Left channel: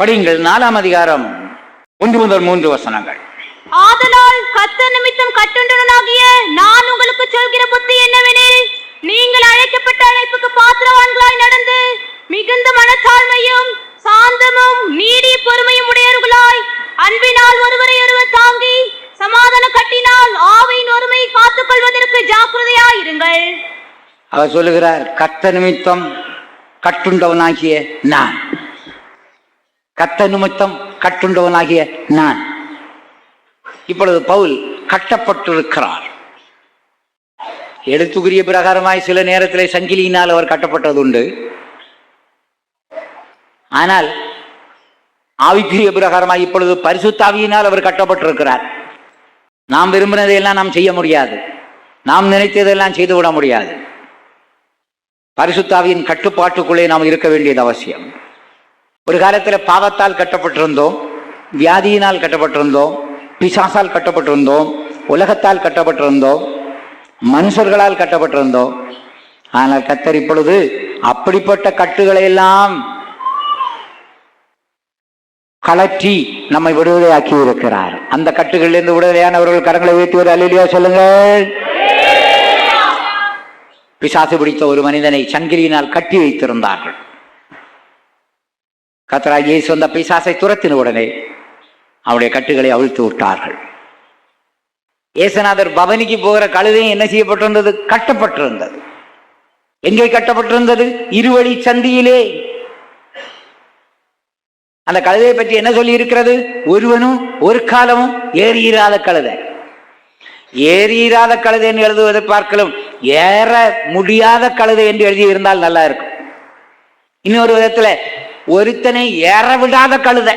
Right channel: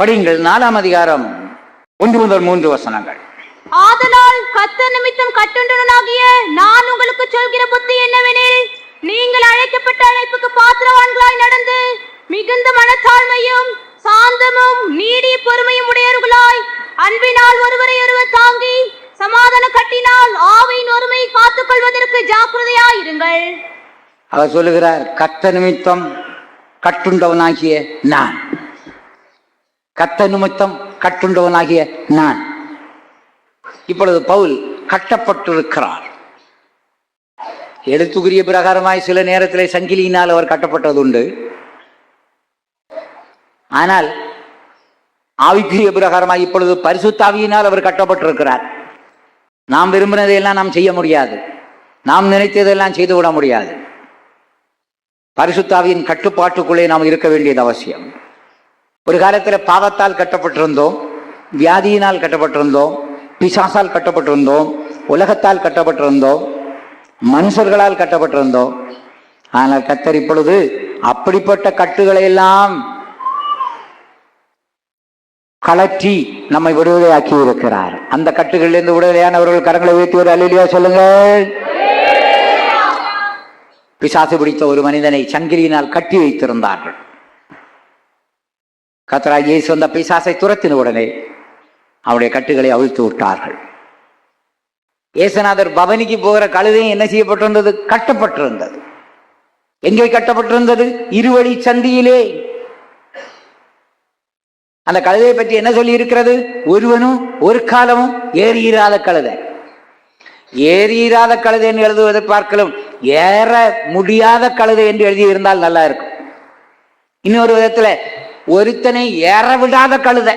படியுங்கள். 4ஆம் அதிகாரம் 1 முதல் 3 வசனங்கள். ஆதலால் கர்த்தர் நிமித்தம் கட்டுண்டவனாகிய நான் உங்களுக்கு சொல்கிற புத்தி என்னவெனில், நீங்கள் அழைக்கப்பட்ட அழைப்புக்கு பாத்திரவான்களாய் நடந்து மிகுந்த மனத்தாழ்மையும் சாந்தமும் நீடிய பொறுமையும் உடையவர்களாய் அன்பினால் ஒருவரை ஒருவர் தாங்கி சமாதான கட்டினால் ஆவியின் ஒருமை காத்துக் கொள்வதற்கு ஜாக்கிரதையாயிருங்கள். அவர் சொல்லுகிறார், கர்த்தர் நிமித்தம் கட்டுண்டவனாகிய நான். கர்த்தர் நிமித்தம் கட்டுண்டவனாகிய நான். இப்பொழுது பவுல் கட்டப்பட்டிருக்கிறார். எழுத்துக்குரிய பிரகாரமாய் சில நேரத்திலே சங்கிலியினால் அவர் கட்டப்பட்டது உண்டு. ஆனால் ஆவிக்குரிய பிரகாரமாய் இப்பொழுது பரிசுத்தாவியினால் அவர் கட்டப்பட்டிருக்கிறார். நாம் விரும்பினதையெல்லாம் நாம் செய்ய முடியாது, நாம் நினைத்ததெல்லாம் செய்துவிட முடியாது. பரிசுத்தாவியின் கட்டுப்பாட்டுக்குள்ளே நாம் இருக்க வேண்டியது அவசியம். ஒரு காலத்தில் பாவத்தால் கட்டப்பட்டிருந்தோம், வியாதியினால் கட்டப்பட்டிருந்தோம், பிசாசால் கட்டப்பட்டிருந்தோம், உலகத்தால் கட்டப்பட்டிருந்தோம், மனுஷர்களால் கட்டப்பட்டிருந்தோம். ஆனால் கர்த்தர் இப்பொழுது அப்படிப்பட்ட கட்டுகளை எல்லாம் கலற்றி நம்மை விடுதலையாக்கி இருக்கிறார். அந்த கட்டுகளிலிருந்து விடுதலையானவர்கள் கரங்களை உயர்த்தி ஒரு அல்லேலூயா சொல்லுங்கள். பிசாசு பிடித்த ஒரு மனிதனை சங்கிலியினால் கட்டி வைத்திருந்தார்கள். கர்த்தராகிய இயேசு அந்த பிசாசை துரத்தின உடனே அவருடைய கட்டுகளை அவிழ்த்து விட்டார்கள். இயேசுநாதர் பவனிக்கு போகிற கழுதையும் என்ன செய்யப்பட்டிருந்தது? கட்டப்பட்டிருந்தது. எங்கே கட்டப்பட்டிருந்தது? இருவழி சந்தியிலே. அந்த கழுதையை பற்றி என்ன சொல்லி இருக்கிறது? ஒருவனும் ஒரு காலமும் ஏறியிராத கழுதை. ஏறியிராத கழுதை என்று எழுதுவதை பார்க்கலாம், ஏற முடியாத கழுதை என்று எழுதியிருந்தால் நல்லா இருக்கும். இன்னொரு விதத்துல ஒருத்தனை ஏற விடாத கழுதை.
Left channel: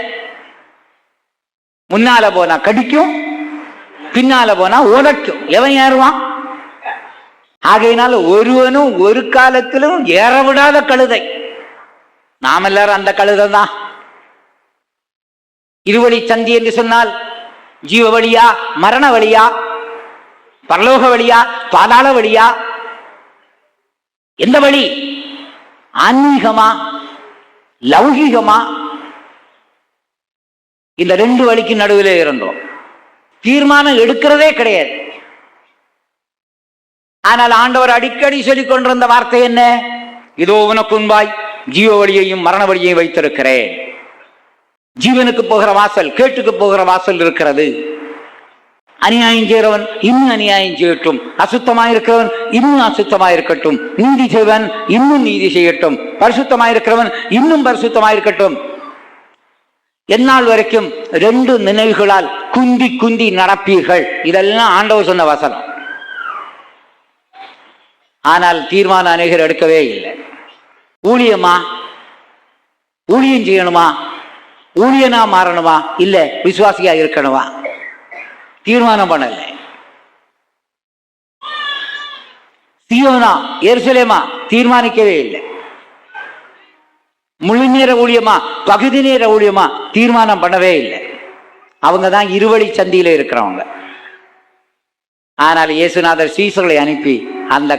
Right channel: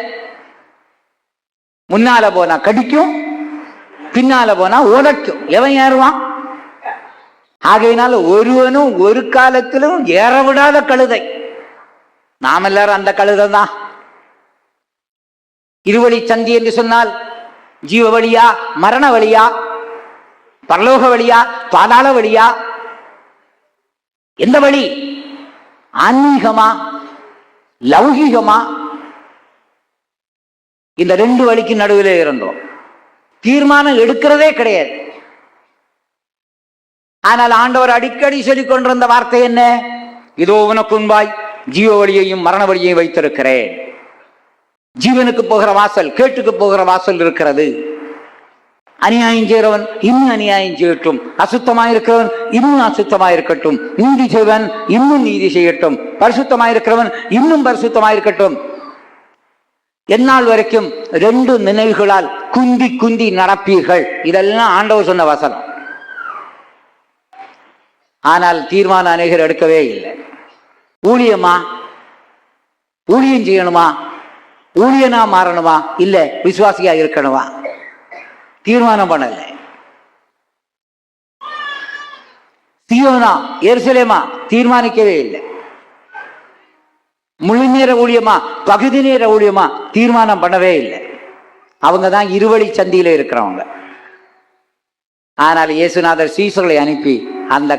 முன்னால போனா கடிக்கும், பின்னால போனா உதைக்கும். எவன் ஏறுவான்? ஆகையினால ஒருவனும் ஒரு காலத்திலும் ஏற விடாத கழுதை. நாம் எல்லாரும் அந்த கழுதை தான். இருவழி சந்தி என்று சொன்னால் ஜீவ வழியா, மரண வழியா, பரலோக வழியா, பாதாள வழியா? எந்த வழி? ஆன்மீகமா, லௌகீகமா? இந்த ரெண்டு வழிக்கு நடுவில் இருந்தோம். தீர்மானம் எடுக்கிறதே கிடையாது. ஆனால் ஆண்டவர் அடிக்கடி சொல்லிக் கொண்டிருந்த வார்த்தை என்ன? இதோ உனக்கு முன்பாய் ஜீவ வழியையும் மரண வழியையும் வைத்திருக்கிறேன். ஜீவனுக்கு போகிற வாசல், கேட்டுக்கு போகிற வாசல் இருக்கிறது. அநியாயம் செய்கிறவன் இன்னும் அநியாயம் செய்யட்டும், அசுத்தமாயிருக்கிறவன் இன்னும் அசுத்தமாயிருக்கட்டும், நீதி செய்வன் இன்னும் நீதி செய்யட்டும், பரிசுத்தமாயிருக்கிறவன் இன்னும் பரிசுத்தமாயிருக்கட்டும். எந்நாள் வரைக்கும் ரெண்டு நினைவுகளால் குந்தி குந்தி நடப்பீர்கள். இதெல்லாம் ஆண்டவர் சொன்ன வசனம். ஆனால் தீர்மானம் அநேகர் எடுக்கவே இல்லை. ஊழியமா, ஊழியம் செய்யணுமா, ஊழியனா மாறணுமா, இல்ல விசுவாசியா இருக்கணுமா, தீர்மானம் பண்ணல. சீயோனா எருசலேமா தீர்மானிக்கவே இல்லை. முழு நேர ஊழியமா, பகுதி நேர ஊழியமா, தீர்மானம் பண்ணவே இல்லை. அவங்க தான் இருவழி சந்தியில இருக்கிறவங்க. ஆனால் இயேசுநாதர் சீசர்களை அனுப்பி அந்த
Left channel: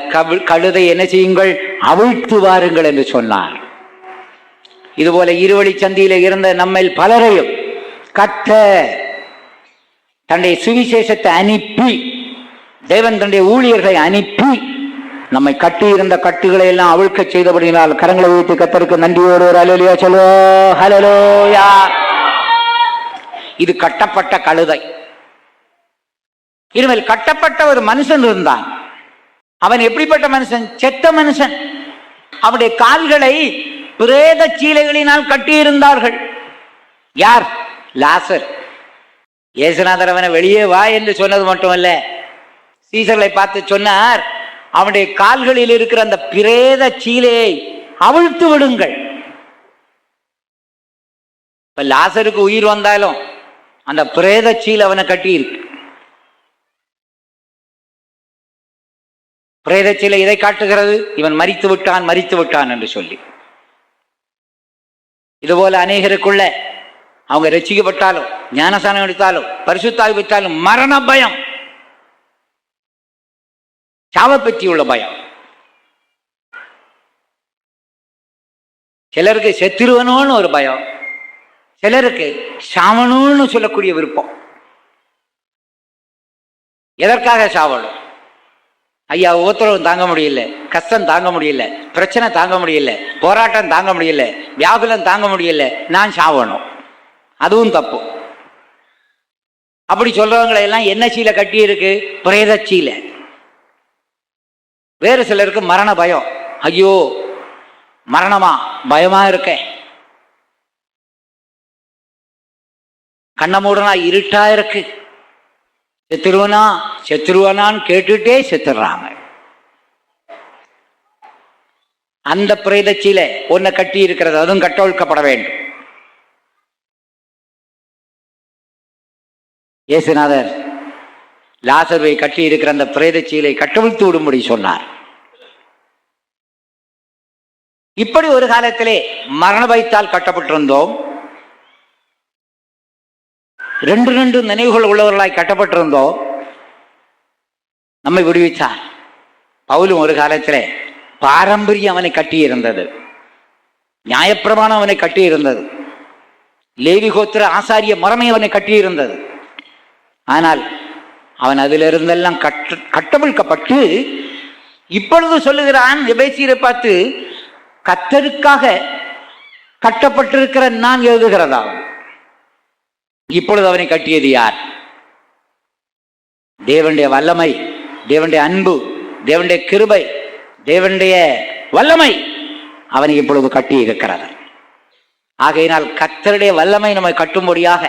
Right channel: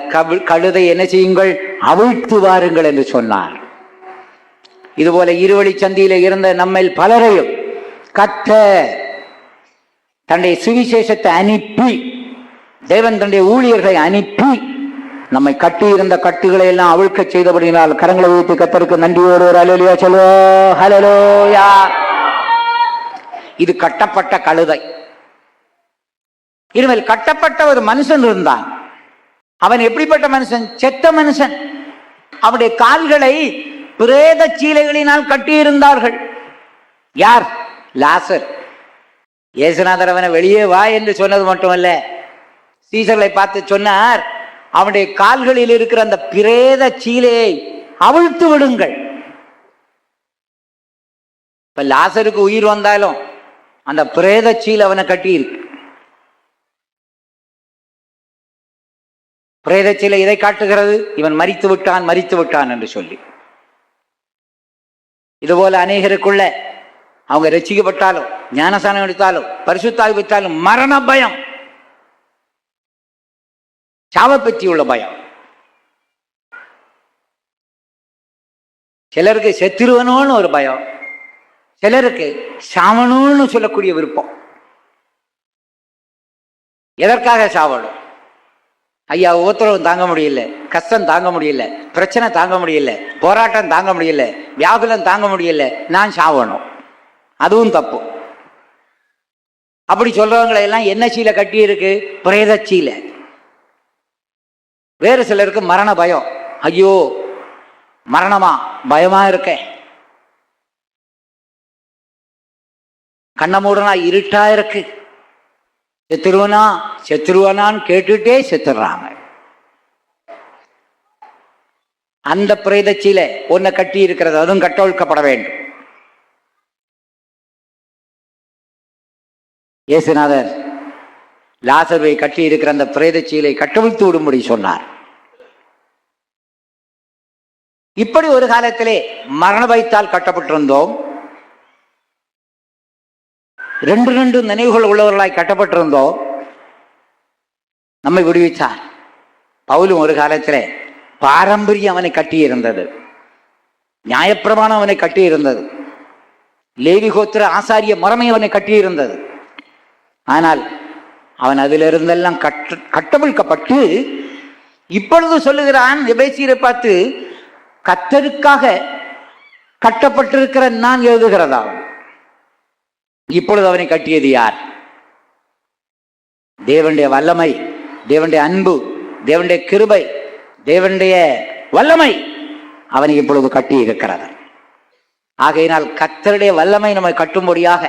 கழுதை என்ன செய்யுங்கள்? அவிழ்த்து வாருங்கள் என்று சொன்னார். இதுபோல இருவழி சந்தியில இருந்த நம்மில் பலரையும் கர்த்தர் தன்னுடைய சுவிசேஷத்தை அனுப்பி, தேவன் தன்னுடைய ஊழியர்களை அனுப்பி நம்மை கட்டி இருந்த கட்டுகளை எல்லாம் அவிழ்க்க செய்தபடினால் கரங்களை வைத்து கர்த்தருக்கு நன்றியோடு ஒரு அல்லேலூயா சொல்லுவோம். ஹல்லேலூயா. இது கட்டப்பட்ட கழுதை. இனிமேல் கட்டப்பட்ட ஒரு மனுஷன் இருந்தான். அவன் எப்படிப்பட்ட மனுஷன்? செத்த மனுஷன். அவனுடைய கால்களை பிரேத சீலைகளினால் கட்டியிருந்தார்கள். யார்? லாசர். இயேசுநாதர் அவனை வெளியே வா என்று சொன்னது மட்டுமல்ல, சீசர்களை பார்த்து சொன்னார், அவனுடைய கால்களில் இருக்கிற அந்த பிரேத சீலையை அவிழ்த்து விடுங்கள். இப்ப லாசருக்கு உயிர் வந்தாலும் அந்த பிரேத சீலை அவனை கட்டி இருக்கு. பிரேத சீலை இதை காட்டுகிறது, இவன் மரித்து விட்டான், மரித்து விட்டான் என்று சொல்லி. இதுபோல அநேகருக்குள்ள அவங்க ரட்சிக்கப்பட்டாலும், ஞானஸ்நானம் எடுத்தாலும், பரிசுத்தாவி பெற்றாலும் மரண பயம், சாவை பற்றி உள்ள பயம். சிலருக்கு செத்துருவனோன்னு ஒரு பயம், சிலருக்கு சாவணும்னு சொல்லக்கூடிய விருப்பம். எதற்காக சாவணும்? ஐயா, உத்தரவு தாங்க முடியல, கஷ்டம் தாங்க முடியல, பிரச்சனை தாங்க முடியல, போராட்டம் தாங்க முடியல, வியாகுலம் தாங்க முடியல, நான் சாவணும். அதுவும் தப்பு. அப்படி சொல்றவங்களை எல்லாம் என்ன சீலை கட்டி இருக்கு? பிரேத சீலை. வேறு சிலருக்கு மரண பயம். ஐயோ மரணமா, பயமா இருக்க, கண்ண மூடனா இருட்டா இருக்கு, செத்துருவனான்னு கேட்டுட்டே செத்துடுறாங்க. அந்த பிரேதச்சியில ஒன்ன கட்டி இருக்கிறது, அதுவும் கட்டொழுக்கப்பட வேண்டும். இயேசுநாதர் லாசருவை கட்டி இருக்கிற அந்த பிரேதச்சீலை கட்டவிழ்த்து விடும்படி சொன்னார். இப்படி ஒரு காலத்திலே மரண பயத்தால் கட்டப்பட்டிருந்தோம். ரெண்டு நினைவுகள் உள்ளவர்களாய் கட்டப்பட்டிருந்தோம். நம்மை விடுவித்தார். பவுலும் ஒரு காலத்தில் பாரம்பரியம் அவனை கட்டி இருந்தது, நியாயப்பிரமாணம் அவனை கட்டி இருந்தது, லேவி கோத்திர ஆசாரிய மரமே அவனை கட்டி இருந்தது. ஆனால் அவன் அதிலிருந்தெல்லாம் கட்டவிழ்க்கப்பட்டு இப்பொழுது சொல்லுகிறான் எபேசியரை பார்த்து, கர்த்தருக்காக கட்டப்பட்டிருக்கிற நான் எழுதுகிறதாகும். இப்பொழுது அவனை கட்டியது யார்? தேவனுடைய வல்லமை, தேவனுடைய அன்பு, தேவனுடைய கிருபை, தேவனுடைய வல்லமை அவனை இப்பொழுது கட்டி இருக்கிறது. ஆகையினால் கர்த்தருடைய வல்லமை நம்மை கட்டும்படியாக,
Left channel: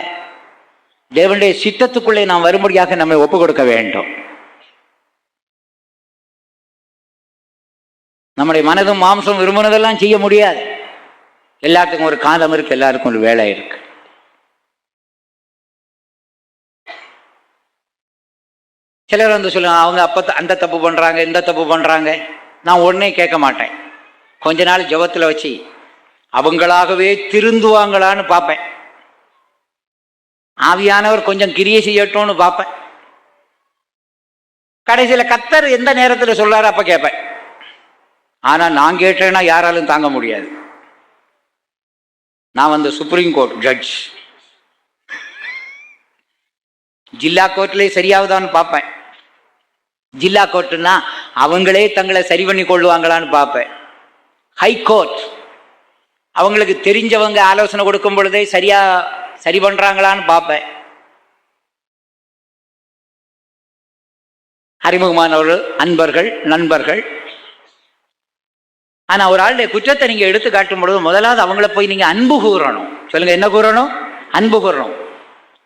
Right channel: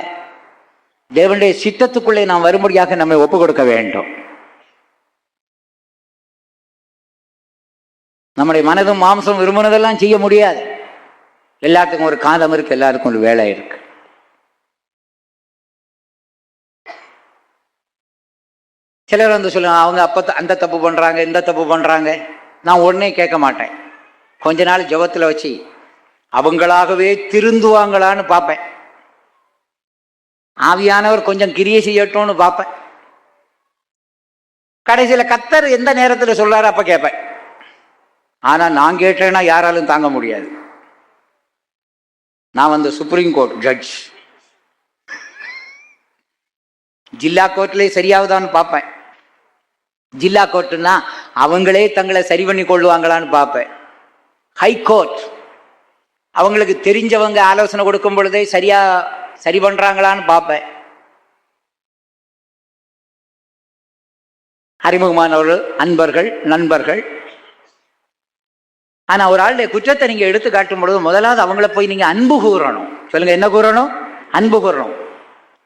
தேவனுடைய சித்தத்துக்குள்ளே நாம் வரும்படியாக நம்மை ஒப்புக் கொடுக்க வேண்டும். நம்முடைய மனதும் மாம்சம் விரும்பினதெல்லாம் செய்ய முடியாது. எல்லாத்துக்கும் ஒரு காலம் இருக்கு, எல்லாருக்கும் ஒரு வேலை இருக்கு. சிலர் வந்து சொல்லுவாங்க, அவங்க அப்போ அந்த தப்பு பண்றாங்க, இந்த தப்பு பண்றாங்க. நான் உடனே கேட்க மாட்டேன். கொஞ்ச நாள் ஜெபத்தில் வச்சு அவங்களாகவே திருந்துவாங்களான்னு பார்ப்பேன். ஆவியானவர் கொஞ்சம் கிரியை செய்யட்டும்னு பார்ப்பேன். கடைசியில் கர்த்தர் எந்த நேரத்தில் சொல்றாரு அப்ப கேட்பேன். ஆனா நான் கேட்டேன்னா யாராலும் தாங்க முடியாது. நான் வந்து சுப்ரீம் கோர்ட் ஜட்ஜ், ஜில்லா கோர்ட்லேயே சரியாகுதான்னு பார்ப்பேன். ஜில்லா கோர்ட்டுன்னா அவங்களே தங்களை சரி பண்ணி கொள்ளுவாங்களான்னு பார்ப்பேன். ஹை கோர்ட் அவங்களுக்கு தெரிஞ்சவங்க ஆலோசனை கொடுக்கும் பொழுதே சரி பண்றாங்களான்னு பார்ப்பேன். அறிமுகமானவர்கள், அன்பர்கள், நண்பர்கள். ஆனா ஒரு ஆளுடைய குற்றத்தை நீங்க எடுத்து காட்டும் பொழுது முதலாவது அவங்கள போய் நீங்க அன்பு கூறணும். சொல்லுங்க, என்ன கூறணும்? அன்பு கூறணும்.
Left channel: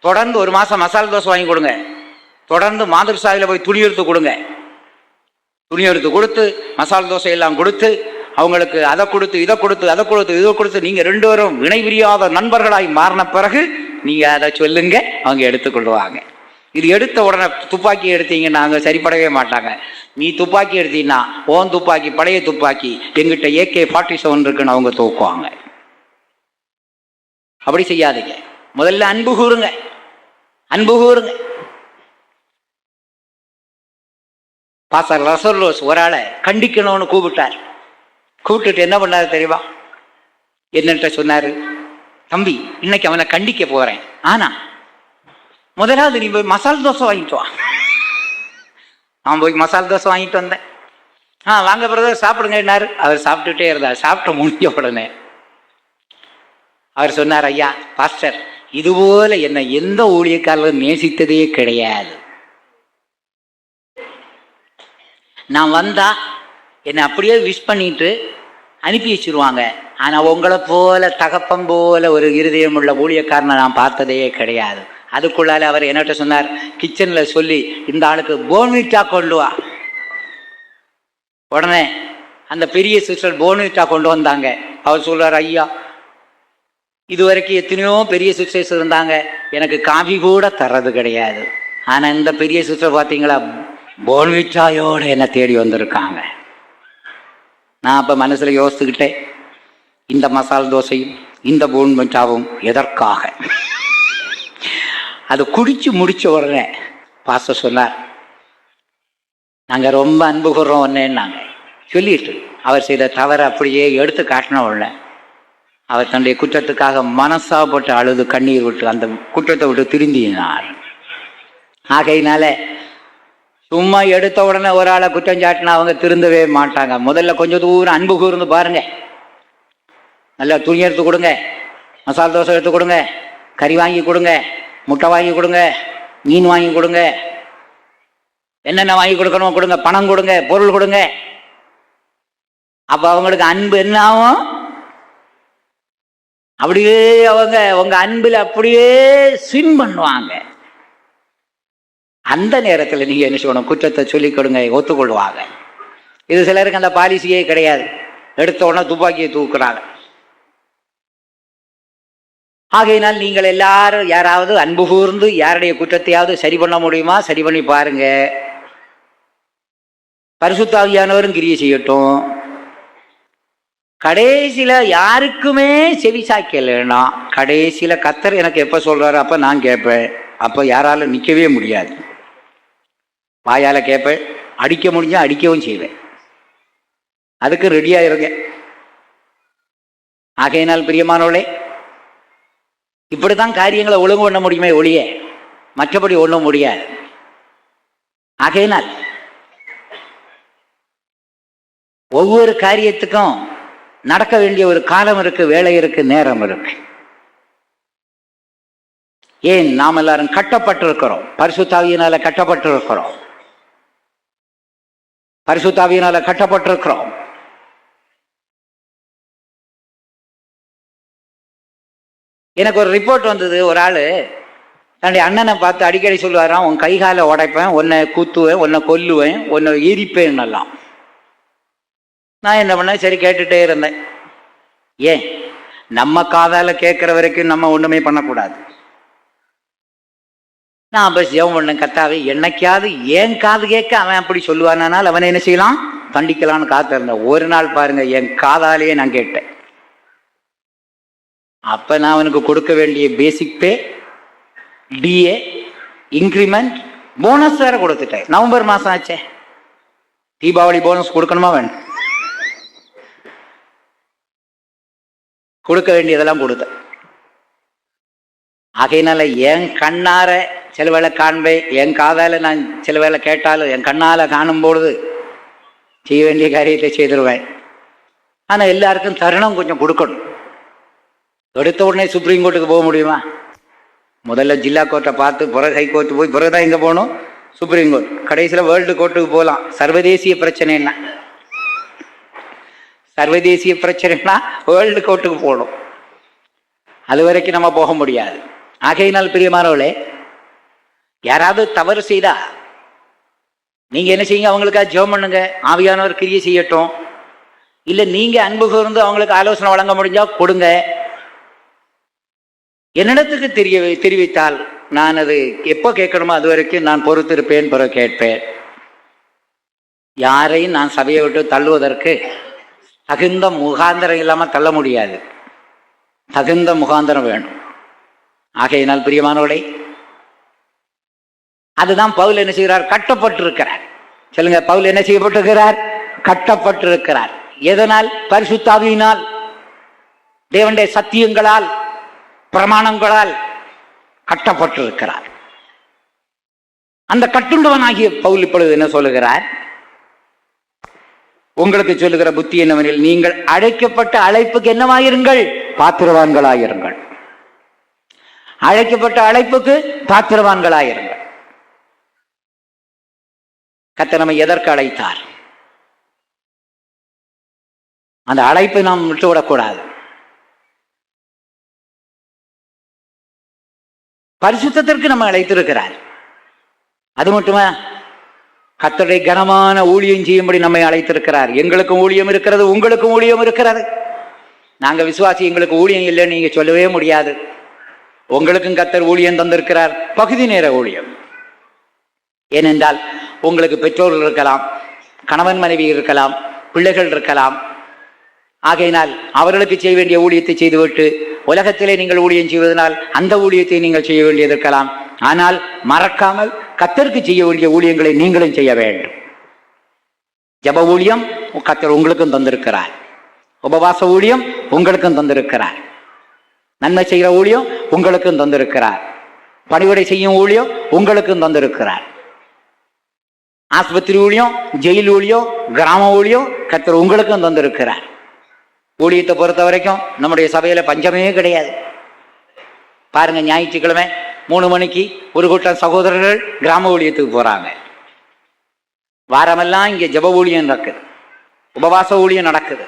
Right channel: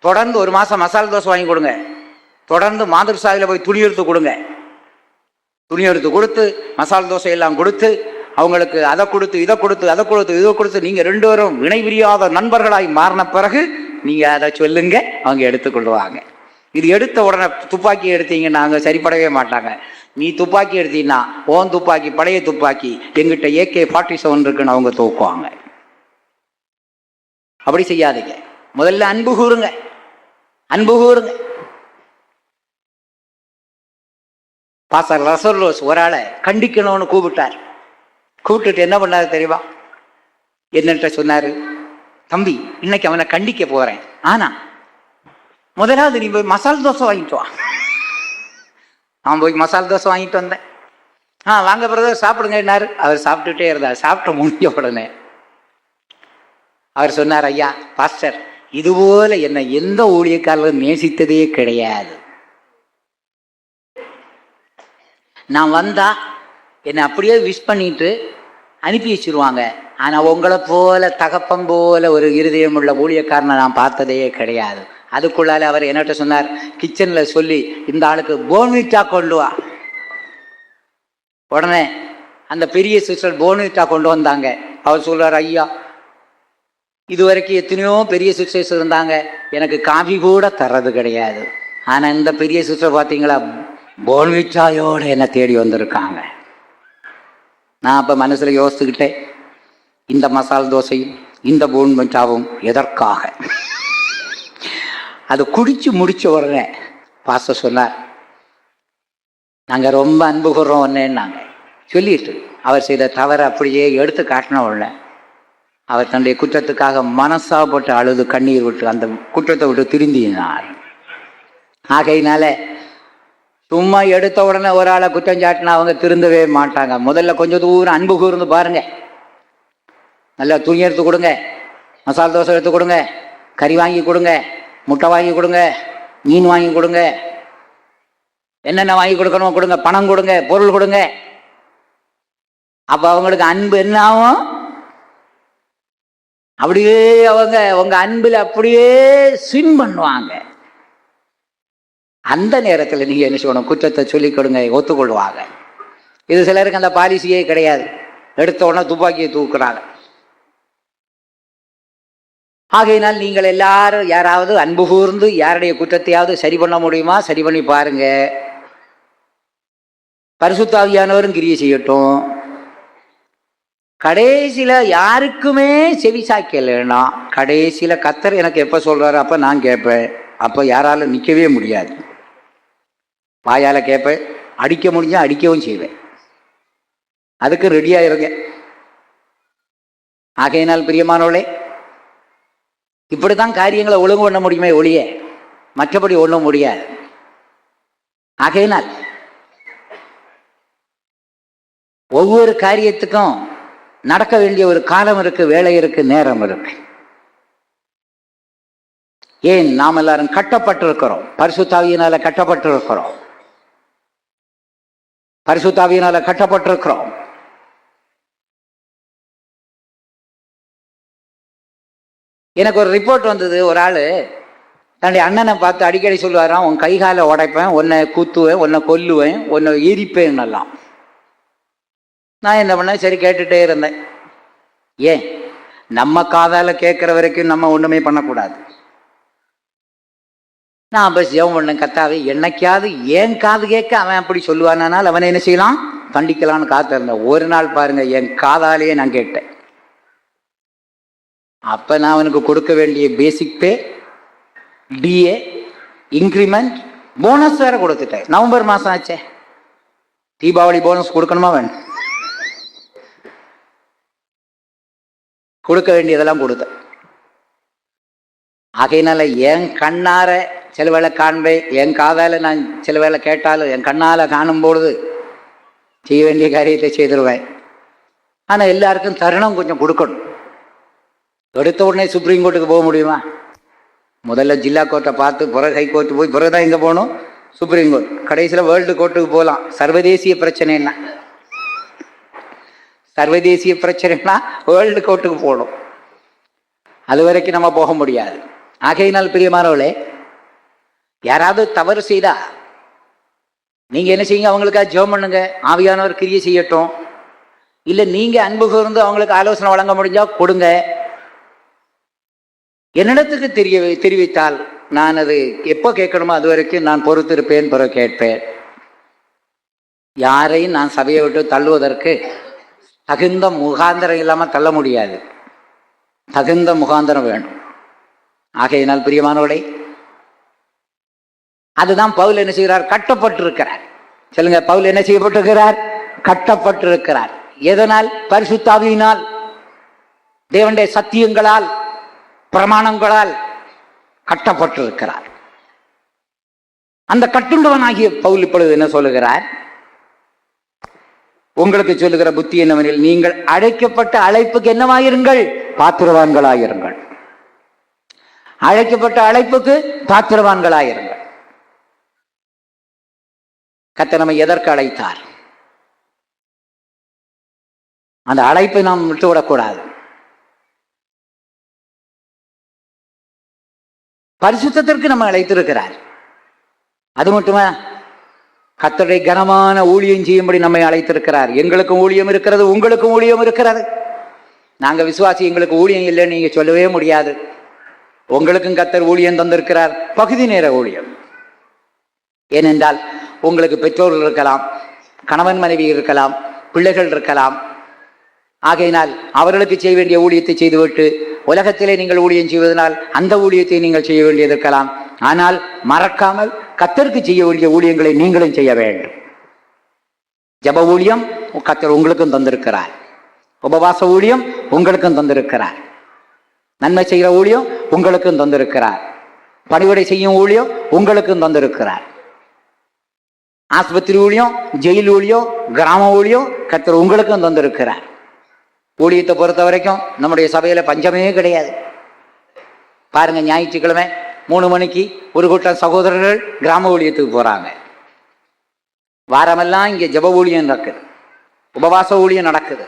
தொடர்ந்து ஒரு மாசம் மசாலா தோசை வாங்கி கொடுங்க. தொடர்ந்து மாதுர்சாலையில் போய் துணி எடுத்து கொடுங்க. துணி எடுத்து கொடுத்து மசாலா தோசை எல்லாம் கொடுத்து அவங்களுக்கு அதை கொடுத்து இதை கொடுத்து அதை கொடுத்து இதை கொடுத்து நீங்க ரெண்டு பேரும் இணை பிரியாத நண்பர்களாய் மாறின பிறகு நீங்க அதை சொல்லுங்க, அவங்க எடுத்துக்கொள்வாங்க. இது எடுத்த உடனே துப்பாக்கி எடுத்தீங்கன்னா அவங்க சரிப்படவே மாட்டாங்க. நீ துப்பாக்கி எடுத்தீங்கன்னா ஓன் துப்பாக்கி, பழைய துப்பாக்கி, எங்கிட்ட AK-47 இருக்குன்னு அவங்க தூக்குவாங்க. அப்படி செய்யாதீங்க. முதல்ல அன்பு கூறுங்க, அன்பு கூறுங்க. பாஸ்டர் ரசர்லோஸ் ஒரு ஆளை கண்டிக்கணும்னு கூப்பிட்டார். கூப்பிட்டுட்டு என்ன பண்ணாரு தெரியுமா? என்னட்ட சொன்னாரு, தம்பி இன்னைக்கு அவனை கண்டிக்க போறேன், ஆனா முதலாவது நீ போய் மசாலா தோசை வாங்கிட்டு வா. அவன் போய் மசாலா தோசை வாங்கிட்டு வந்தேன். வாங்க பிரதர் சாப்பிடுங்கன்னாரு. அவர் சாப்பிட்டுட்டே இருந்தார். சாப்பிட்டு முடிஞ்ச உடனே அவர் சொன்னார், ஐயா பாஸ்டர், இதுபோல என்னை எந்த ஊழியக்காரரும் நேசித்ததே கிடையாது. நான் வந்தா என்னை அப்படியே விஷ் பண்ணிட்டு அனுப்பி வச்சிருவாங்க. ஆனா உங்களை போல தகப்பம் போல ஒரு இருதயம் உள்ள ஊழியக்காரனை நான் பார்த்ததே கிடையாது. அதுக்குள்ளால அவர் என்னட்ட சொன்னார், கிச்சன்ல சொல்லி இந்த ஆளுக்கு போன்விட்டா கொண்டு வா. உடனே அந்த பெரிய சிஸ்டர் போன்விட்டா கொண்டு வந்தாங்க. அவர் சொல்றார், ஐயா இதுவரைக்கும் எத்தனையோ பெரிய சிஸ்டர்ஸ் இருந்தாங்க, எனக்கு காஃபி கூட தர்றது கிடையாது. ஆனா இந்த பெரிய சிஸ்டர் பார்த்தீங்களா, போன்விட்டாயோட என்னை தேடி வந்திருக்காங்க. நான் அப்போ மனசில் யோசிச்சுக்கிட்டேன், இந்த மசாலா தோசையும் இந்த போன்விட்டாவும் எதற்காக? அது குடிச்சு முடிச்ச உடனே பாஸ்டர் சொன்னார், நாங்கள் ரொம்ப அன்பு கூறுறோம் ஒன்னேன்னாங்க. சொல்லிட்டு அவர் செய்த தவறை அப்படியே எடுத்து காட்டின உடனே அவர் தன்னுடைய குற்றத்துக்காக மனசாப்பட்டு அழுது கண்ணீர் விட்டு அந்த குற்றத்தை விட்டு திருந்தினார். ஆகையினால சும்மா எடுத்த உடனே ஒரு ஆளை குற்றம் சாட்டினா அவங்க திருந்தவே மாட்டாங்க. முதல்ல கொஞ்சம் தூரம் அன்பு கூர்ந்து பாருங்க. நல்லா துணி எடுத்து கொடுங்க, மசாலா தோசை எடுத்து கொடுங்க, கறி வாங்கி கொடுங்க, முட்டை வாங்கி கொடுங்க, மீன் வாங்கி கொடுங்க, என்னென்ன வாங்கி கொடுக்கணும் கொடுங்க, பணம் கொடுங்க, பொருள் கொடுங்க. அப்ப அவங்களுக்கு அன்பு என்ன ஆகும்? அப்படியே அவங்க உங்க அன்பில் அப்படியே ஸ்விம் பண்ணுவாங்க. அந்த நேரத்தில் நீங்க என்ன சொல்லணும்? குற்றத்தை சொல்லிக் கொடுங்க, ஒத்துக்கொள்வாங்க. இது சிலருக்கு அந்த பாலிசியே கிடையாது. எடுத்த உடனே துப்பாக்கியை தூக்குறாங்க. ஆகையினால் நீங்கள் எல்லாரும் யாராவது அன்பு கூர்ந்து யாருடைய குற்றத்தையாவது சரி பண்ண முடியுமா? சரி பண்ணி பாருங்க. பரிசுத்த ஆவியானவரும் கிரியை செய்யட்டும். கடைசியில யாருக்குமே செவி சாய்க்கலைன்னா கடைசியில கர்த்தர் எனக்கு எப்ப சொல்றாரு அப்ப நான் கேட்பேன். அப்ப யாராலும் நிற்கவே முடியாது. வாயால கேட்பேன், அடிக்க முடிஞ்சா அடிக்கவும் செய்வேன். அதுக்கு ரெடியா இருங்க. ஆகையினால் பிரியமானவளே, இப்படித்தான் காரியங்களை ஒழுங்கு பண்ண முடியுமே ஒழிய மற்றபடி ஒண்ணும் முடியாது. ஆகையினால் ஒவ்வொரு காரியத்துக்கும் நடக்க வேண்டிய ஒரு காலம் இருக்கு, வேலை இருக்கு, நேரம் இருக்கு. ஏன் நாம் எல்லாரும் கட்டப்பட்டிருக்கிறோம், பரிசுத்தாவியினால கட்டப்பட்டிருக்கிறோம், பரிசுத்தாவியினால கட்டப்பட்டிருக்கிறோம். எனக்கு ஒரு ரிப்போர்ட் வந்தது. ஒரு ஆளு தன்னுடைய அண்ணனை பார்த்து அடிக்கடி சொல்லுவாராம், உன் கை காலை உடைப்பேன், உன்னை குத்துவேன், உன்னை கொல்லுவேன், உன்னை எரிப்பேன் எல்லாம். நான் என்ன பண்ணேன், சரி கேட்டுட்டே இருந்தேன். ஏன் நம்ம காதால கேட்கிற வரைக்கும் நம்ம ஒண்ணுமே பண்ணக்கூடாது. நான் அப்ப ஜெபம் பண்ணேன், கர்த்தாவே என்னைக்காவது ஏன் காது கேட்க அவன் அப்படி சொல்லுவானால் அவனை என்ன செய்யலாம், கண்டிக்கலான்னு காத்திருந்தேன். ஒரு நாள் பாருங்க, என் காதாலேயே நான் கேட்டேன். அப்ப நான் அவனுக்கு கொடுக்க வேண்டிய பேசிக் பே, டிஏ, இன்க்ரிமெண்ட், போனஸ் வேற கொடுத்துட்டேன். நவம்பர் மாசம் ஆச்சே, தீபாவளி போனஸ் கொடுக்கணுமா வேணும், கொடுக்க வேண்டியதெல்லாம் கொடுத்தேன். ஆகையினால என் கண்ணார சில வேளை காண்பேன், என் காதால நான் சில வேளை கேட்டாலும் என் கண்ணால காணும் பொழுது செய்ய வேண்டிய காரியத்தை செய்திருவேன். ஆனா எல்லாருக்கும் தருணம் கொஞ்சம் கொடுக்கணும். எடுத்த உடனே சுப்ரீம் கோர்ட்டுக்கு போக முடியுமா? முதல்ல ஜில்லா கோர்ட்டை பார்த்து பிறகு ஹை கோர்ட்டு போய் பிறகுதான் எங்க போகணும், சுப்ரீம் கோர்ட். கடைசியில் வேர்ல்டு கோர்ட்டுக்கு போகலாம். சர்வதேசிய பிரச்சனைன்னா, சர்வதேசிய பிரச்சனைனா வேர்ல்டு கோர்ட்டுக்கு போகணும். அது வரைக்கும் நம்ம போக முடியாது. ஆகையினால் பிரியமானவர்களே, யாராவது தவறு செய்தா நீங்க என்ன செய்யுங்க, அவங்களுக்காக ஜெபம் பண்ணுங்க, ஆவியானவர் கிரியை செய்யட்டும். இல்லை நீங்க அன்பு கூர்ந்து அவங்களுக்கு ஆலோசனை வழங்க முடிஞ்சா கொடுங்க. என்னிடத்துக்கு தெரிவித்தால் நான் அது எப்போ கேட்கணுமோ அது வரைக்கும் நான் பொறுத்திருப்பேன், பிறகு கேட்பேன். யாரையும் நான் சபையை விட்டு தள்ளுவதற்கு தகுந்த முகாந்திரம் இல்லாமல் தள்ள முடியாது. தகுந்த முகாந்திரம் வேணும். ஆகையினால் பிரியமானவர்களே, அதுதான் பவுல் என்ன செய்கிறார், கட்டப்பட்டிருக்கிறார். சொல்லுங்க, பவுல் என்ன செய்யப்பட்டிருக்கிறார், கட்டப்பட்டிருக்கிறார். எதனால்? பரிசுத்தாவியினால், தேவனுடைய சத்தியங்களால், பிரமாணங்களால் கட்டப்பட்டிருக்கிறார். அந்த கட்டுண்டவனாகிய பவுல் இப்பொழுது என்ன சொல்லுகிறார், உங்களுக்கு சொல்லுகிற புத்தி என்னவெனில், நீங்கள் அழைக்கப்பட்ட அழைப்புக்கு என்னவாயிருங்கள், பாத்திரவான்களாயிருங்கள். அழைக்கப்பட்ட அழைப்புக்கு பாத்திரவான்களாயிருங்கள். கர்த்தர் நம்மை எதற்கு அழைத்தார்? அந்த அழைப்பை நாம் விட்டுவிடக்கூடாது. பரிசுத்தத்திற்கு நம்ம அழைத்திருக்கிறார். அது மட்டுமா, கர்த்தருடைய கனமான ஊழியம் செய்யும்படி நம்மை அழைத்திருக்கிறார். எங்களுக்கும் ஊழியம் இருக்கிறது, உங்களுக்கும் ஊழியம் இருக்கிறது. நாங்க விசுவாசி, எங்களுக்கு ஊழியம் இல்லைன்னு நீங்க சொல்லவே முடியாது. உங்களுக்கும் கர்த்தர் ஊழியம் தந்திருக்கிறார், பகுதி நேர ஊழியம். ஏனென்றால் உங்களுக்கு பெற்றோர்கள் இருக்கலாம், கணவன் மனைவி இருக்கலாம், பிள்ளைகள் இருக்கலாம். ஆகையினால் அவர்களுக்கு செய்ய வேண்டிய ஊழியத்தை செய்துவிட்டு உலகத்திலே நீங்கள் ஊழியம் செய்வதனால் அந்த ஊழியத்தை நீங்கள் செய்ய வேண்டியது இருக்கலாம். ஆனால் மறக்காமல் கர்த்தருக்கு செய்ய வேண்டிய ஊழியங்களை நீங்களும் செய்ய வேண்டும். ஜெப ஊழியம் கர்த்தர் உங்களுக்கும் தந்திருக்கிறார். உபவாச ஊழியம் உங்களுக்கும் தந்திருக்கிறார். நன்மை செய்கிற ஊழியம் உங்களுக்கும் தந்திருக்கிறார். பணிவிடை செய்யும் ஊழியம் உங்களுக்கும் தந்திருக்கிறார். ஆஸ்பத்திரி ஊழியம், ஜெயில் ஊழியம், கிராம ஊழியம் கர்த்தர் உங்களுக்கும் தந்திருக்கிறார். ஊழியத்தை பொறுத்த வரைக்கும் நம்முடைய சபையில பஞ்சமே கிடையாது. பாருங்க, ஞாயிற்றுக்கிழமை 3 மணிக்கு ஒரு கூட்டம் சகோதரர்கள் கிராம ஊழியத்துக்கு போறாங்க. வாரமெல்லாம் இங்கே ஜெப ஊழியம் நடக்குது, உபவாச ஊழியம் நடக்குது,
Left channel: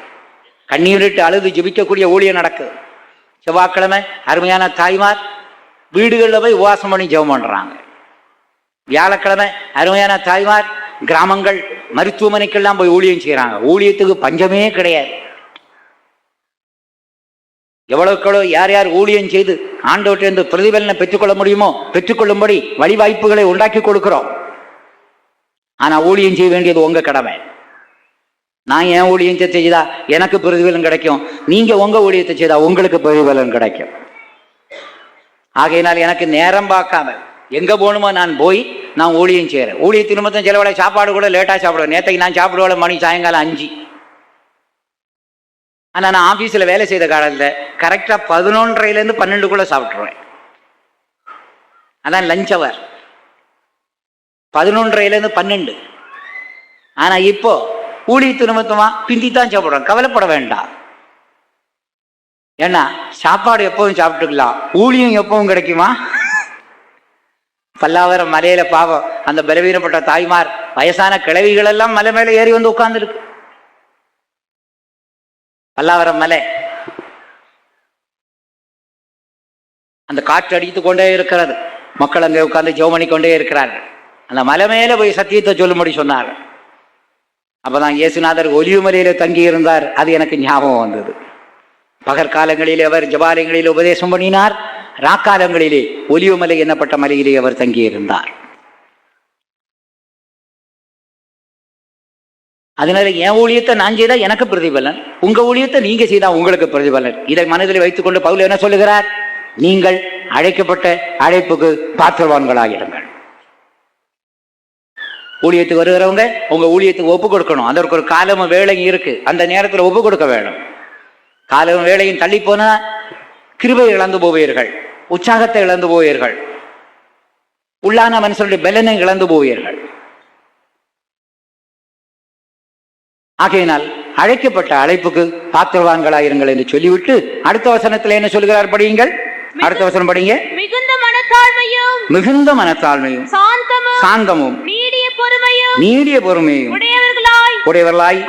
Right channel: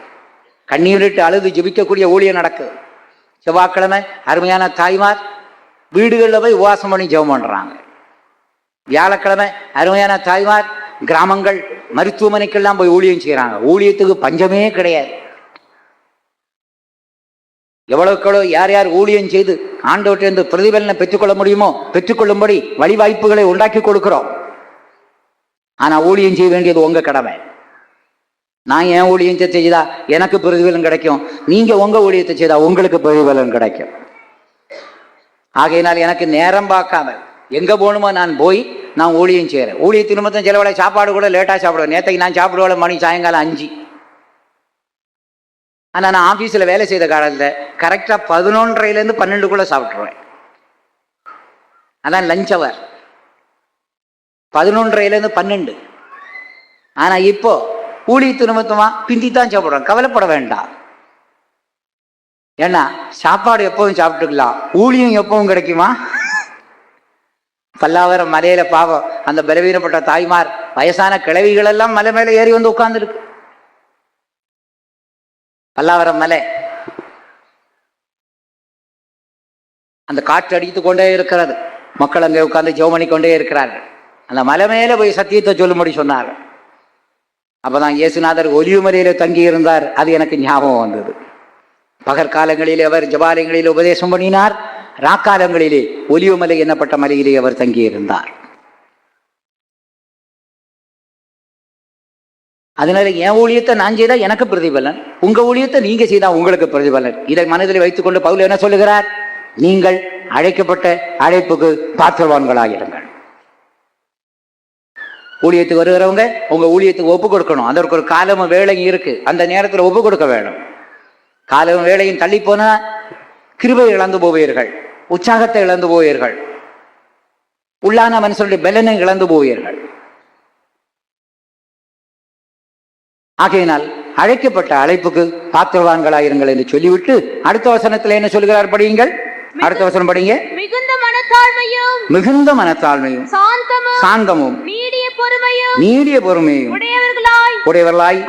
கண்ணீரிட்டு அழுது ஜெபிக்கக்கூடிய ஊழியம் நடக்குது. செவ்வாய்க்கிழமை அருமையான தாய்மார் வீடுகளில் போய் உபவாசம் பண்ணி ஜெபம் பண்றாங்க. வியாழக்கிழமை அருமையான தாய்மார் கிராமங்கள் மருத்துவமனைக்கெல்லாம் போய் ஊழியம் செய்யறாங்க. ஊழியத்துக்கு பஞ்சமே கிடையாது. எவ்வளவுக்களோ யார் யார் ஊழியம் செய்து ஆண்டவற்றிலிருந்து பிரதிபலனை பெற்றுக்கொள்ள முடியுமோ பெற்றுக்கொள்ளும்படி வழிவாய்ப்புகளை உண்டாக்கி கொடுக்கிறோம். ஆனா ஊழியம் செய்ய வேண்டியது உங்க கடமை. நான் என் ஊழியத்தை செய்தா எனக்கு பிரதிபலன் கிடைக்கும், நீங்க உங்க ஊழியத்தை செய்தா உங்களுக்கு பிரதிபலன் கிடைக்கும். ஆகையினால் எனக்கு நேரம் பார்க்காம எங்க போகணுமோ நான் போய் நான் ஊழியம் செய்யறேன். ஊழியத்தின் நிமித்தம் சில வேளை சாப்பாடு கூட லேட்டா சாப்பிடுவேன். நேற்றைக்கு நான் சாப்பிடுவேன் மணி சாயங்காலம் 5. ஆனா நான் ஆபீஸ்ல வேலை செய்த காலத்தில் கரெக்டா 11:30 12 சாப்பிட்டுருவேன். அதான் லஞ்ச் அவர். 11:30 12. ஆனா இப்போ ஊழியத்து நிமித்தமா பிந்தித்தான் சாப்பிடுறோம். கவலைப்பட வேண்டாம். ஏன்னா சாப்பாடு எப்பவும் சாப்பிட்டுக்கலாம், ஊழியம் எப்பவும் கிடைக்குமா? பல்லாவரம் மலையில பாவம் அந்த பலவீனப்பட்ட தாய்மார் வயசான கிழவிகள் எல்லாம் மலை மேல ஏறி வந்து உட்கார்ந்து இருக்கு. பல்லாவரம் மலை அந்த காற்று அடித்து கொண்டே இருக்கிறது. மக்கள் அங்கே உட்கார்ந்து ஜெபம் பண்ணி கொண்டே இருக்கிறார்கள். அந்த மலை மேல போய் சத்தியத்தை சொல்லும்படி சொன்னார். அப்பதான் இயேசுநாதர் ஒலிவு மலையில தங்கி இருந்தார். அது எனக்கு ஞாபகம் வந்தது. பகற்காலங்களிலே அவர் ஜபாலயங்களில் உபதேசம் பண்ணினார். ராக்காலங்களிலே ஒலிவு மலை என்னப்பட்ட மலையிலே அவர் தங்கியிருந்தார். அதனால என் ஊழியத்தை நான் செய்தா எனக்கு பிரதிபலன், உங்க ஊழியத்தை நீங்க செய்தா உங்களுக்கு பிரதிபலன். இதை மனதில் வைத்துக் கொண்டு பவுல் என்ன சொல்லுகிறார்? நீங்கள் அழைக்கப்பட்ட அழைப்புக்கு பாத்திரவான்களாகிடுங்கள். ஊழியத்துக்கு வருகிறவங்க உங்க ஊழியத்துக்கு ஒப்பு கொடுக்கணும். அதற்கு ஒரு காலமும் வேலையும் இருக்கு. அந்த நேரத்தில் ஒப்பு கொடுக்க வேணும். காலமும் வேலையும் தள்ளி போனா கிருபை இழந்து போவீர்கள், உற்சாகத்தை இழந்து போவீர்கள், உள்ளான மனுஷனுடைய பலனை இழந்து போவீர்கள். ஆகையினால் அழைக்கப்பட்ட அழைப்புக்கு பாத்திரவான்களாயிருங்கள் என்று சொல்லிவிட்டு அடுத்த வசனத்தில் என்ன சொல்கிறார் படியுங்கள். அடுத்த வசனம் படிங்க. மிகுந்த மனத்தாழ்மையும் மிகுந்த மனத்தாழ்மையும் சாந்தமும் நீடிய பொறுமையும் உடையவர்களாய்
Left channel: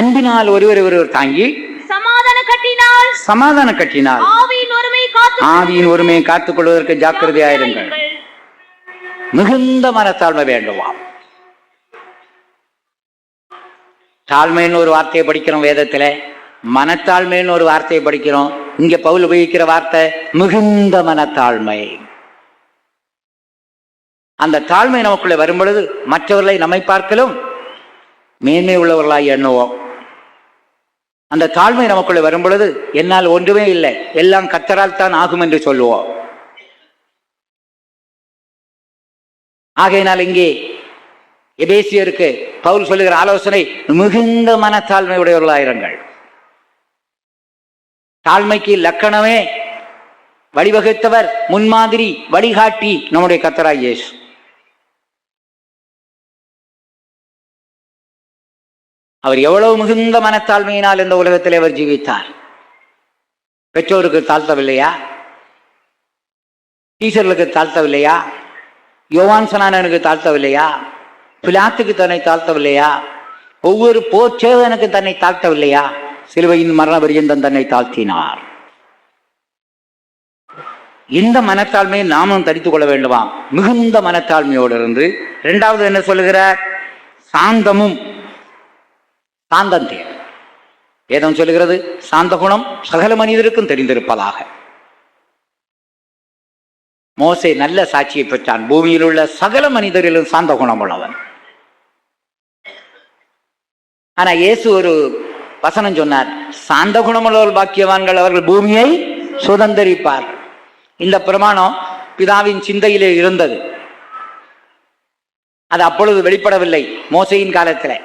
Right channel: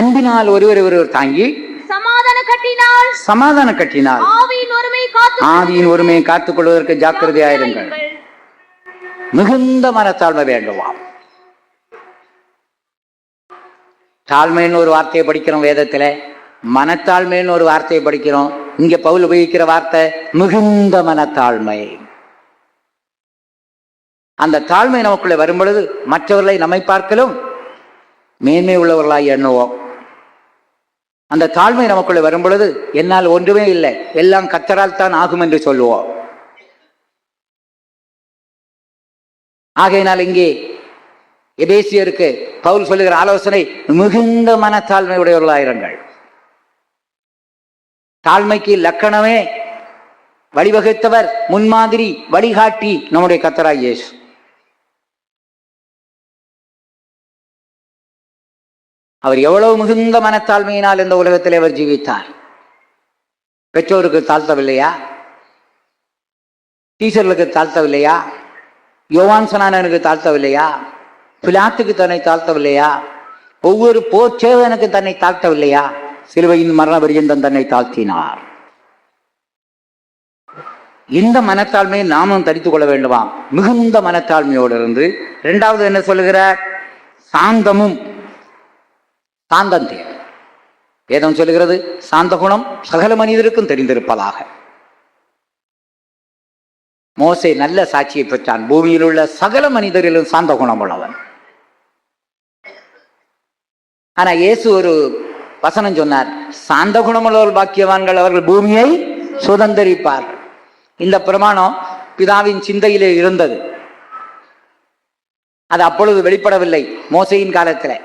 அன்பினால் ஒருவரை ஒருவர் தாங்கி சமாதான கட்டினால் ஆவியின் ஒருமையை காத்துக் கொள்வதற்கு ஜாக்கிரதையாயிருங்கள். மிகுந்த மனத்தாழ்மை வேண்டுமாம். தாழ்மைன்னு ஒரு வார்த்தையை படிக்கிறோம் வேதத்துல, மனத்தாழ்மைன்னு ஒரு வார்த்தையை படிக்கிறோம். இங்க பவுல் உபயோகிக்கிற வார்த்தை மிகுந்த மனத்தாழ்மை. அந்த தாழ்மை நமக்குள்ள வரும் பொழுது மற்றவர்களை நம்மை பார்க்கலும் மேன்மை உள்ளவர்களாய் எண்ணுவோம். அந்த தாழ்மை நமக்குள்ள வரும் பொழுது என்னால் ஒன்றுமே இல்லை, எல்லாம் கர்த்தரால் தான் ஆகும் என்று சொல்லுவோம். ஆகையினால் இங்கே எபேசியருக்கு பவுல் சொல்லுகிற ஆலோசனை மிகுந்த மனத்தாழ்மை உடையவர்களாயிருங்கள். தாழ்மைக்கு லக்கணமே வழிவகுத்தவர், முன்மாதிரி, வழிகாட்டி நம்முடைய கர்த்தராகிய இயேசு. அவர் எவ்வளவு மிகுந்த மனத்தாழ்மையினால் இந்த உலகத்தில் அவர் ஜீவித்தார். பெற்றோருக்கு தாழ்த்தவில்லையா? டீச்சர்களுக்கு தாழ்த்தவில்லையா? யோவான் ஸ்நானனுக்கு தாழ்த்தவில்லையா? பிலாத்துக்கு தன்னை தாழ்த்தவில்லையா? ஒவ்வொரு போர்ச்சேவனுக்கு தன்னை தாழ்த்தவில்லையா? சிலுவையின் மரண பரியந்தம் தன்னை தாழ்த்தினார். இந்த மனத்தாழ்மையை நாமும் தரித்துக் கொள்ள வேண்டுமா? மிகுந்த மனத்தாழ்மையோடு இருந்து இரண்டாவது என்ன சொல்லுகிறார்? சாந்தமும். சாந்தம் தேவை. வேதம் சொல்லுகிறது சாந்த குணம் சகல மனிதருக்கும் தெரிந்திருப்பதாக. மோசே நல்ல சாட்சியை பெற்றான். பூமியில் உள்ள சகல மனிதரிலும் சாந்த குணம் உள்ளவன். ஆனா இயேசு ஒரு வசனம் சொன்னார், சாந்த குணமுள்ளவர்கள் பாக்கியவான்கள், அவர்கள் பூமியை சுதந்தரிப்பார்கள். இந்த பிரமாணம் பிதாவின் சிந்தையிலே இருந்தது. அது அப்பொழுது வெளிப்படவில்லை மோசையின் காலத்தில்.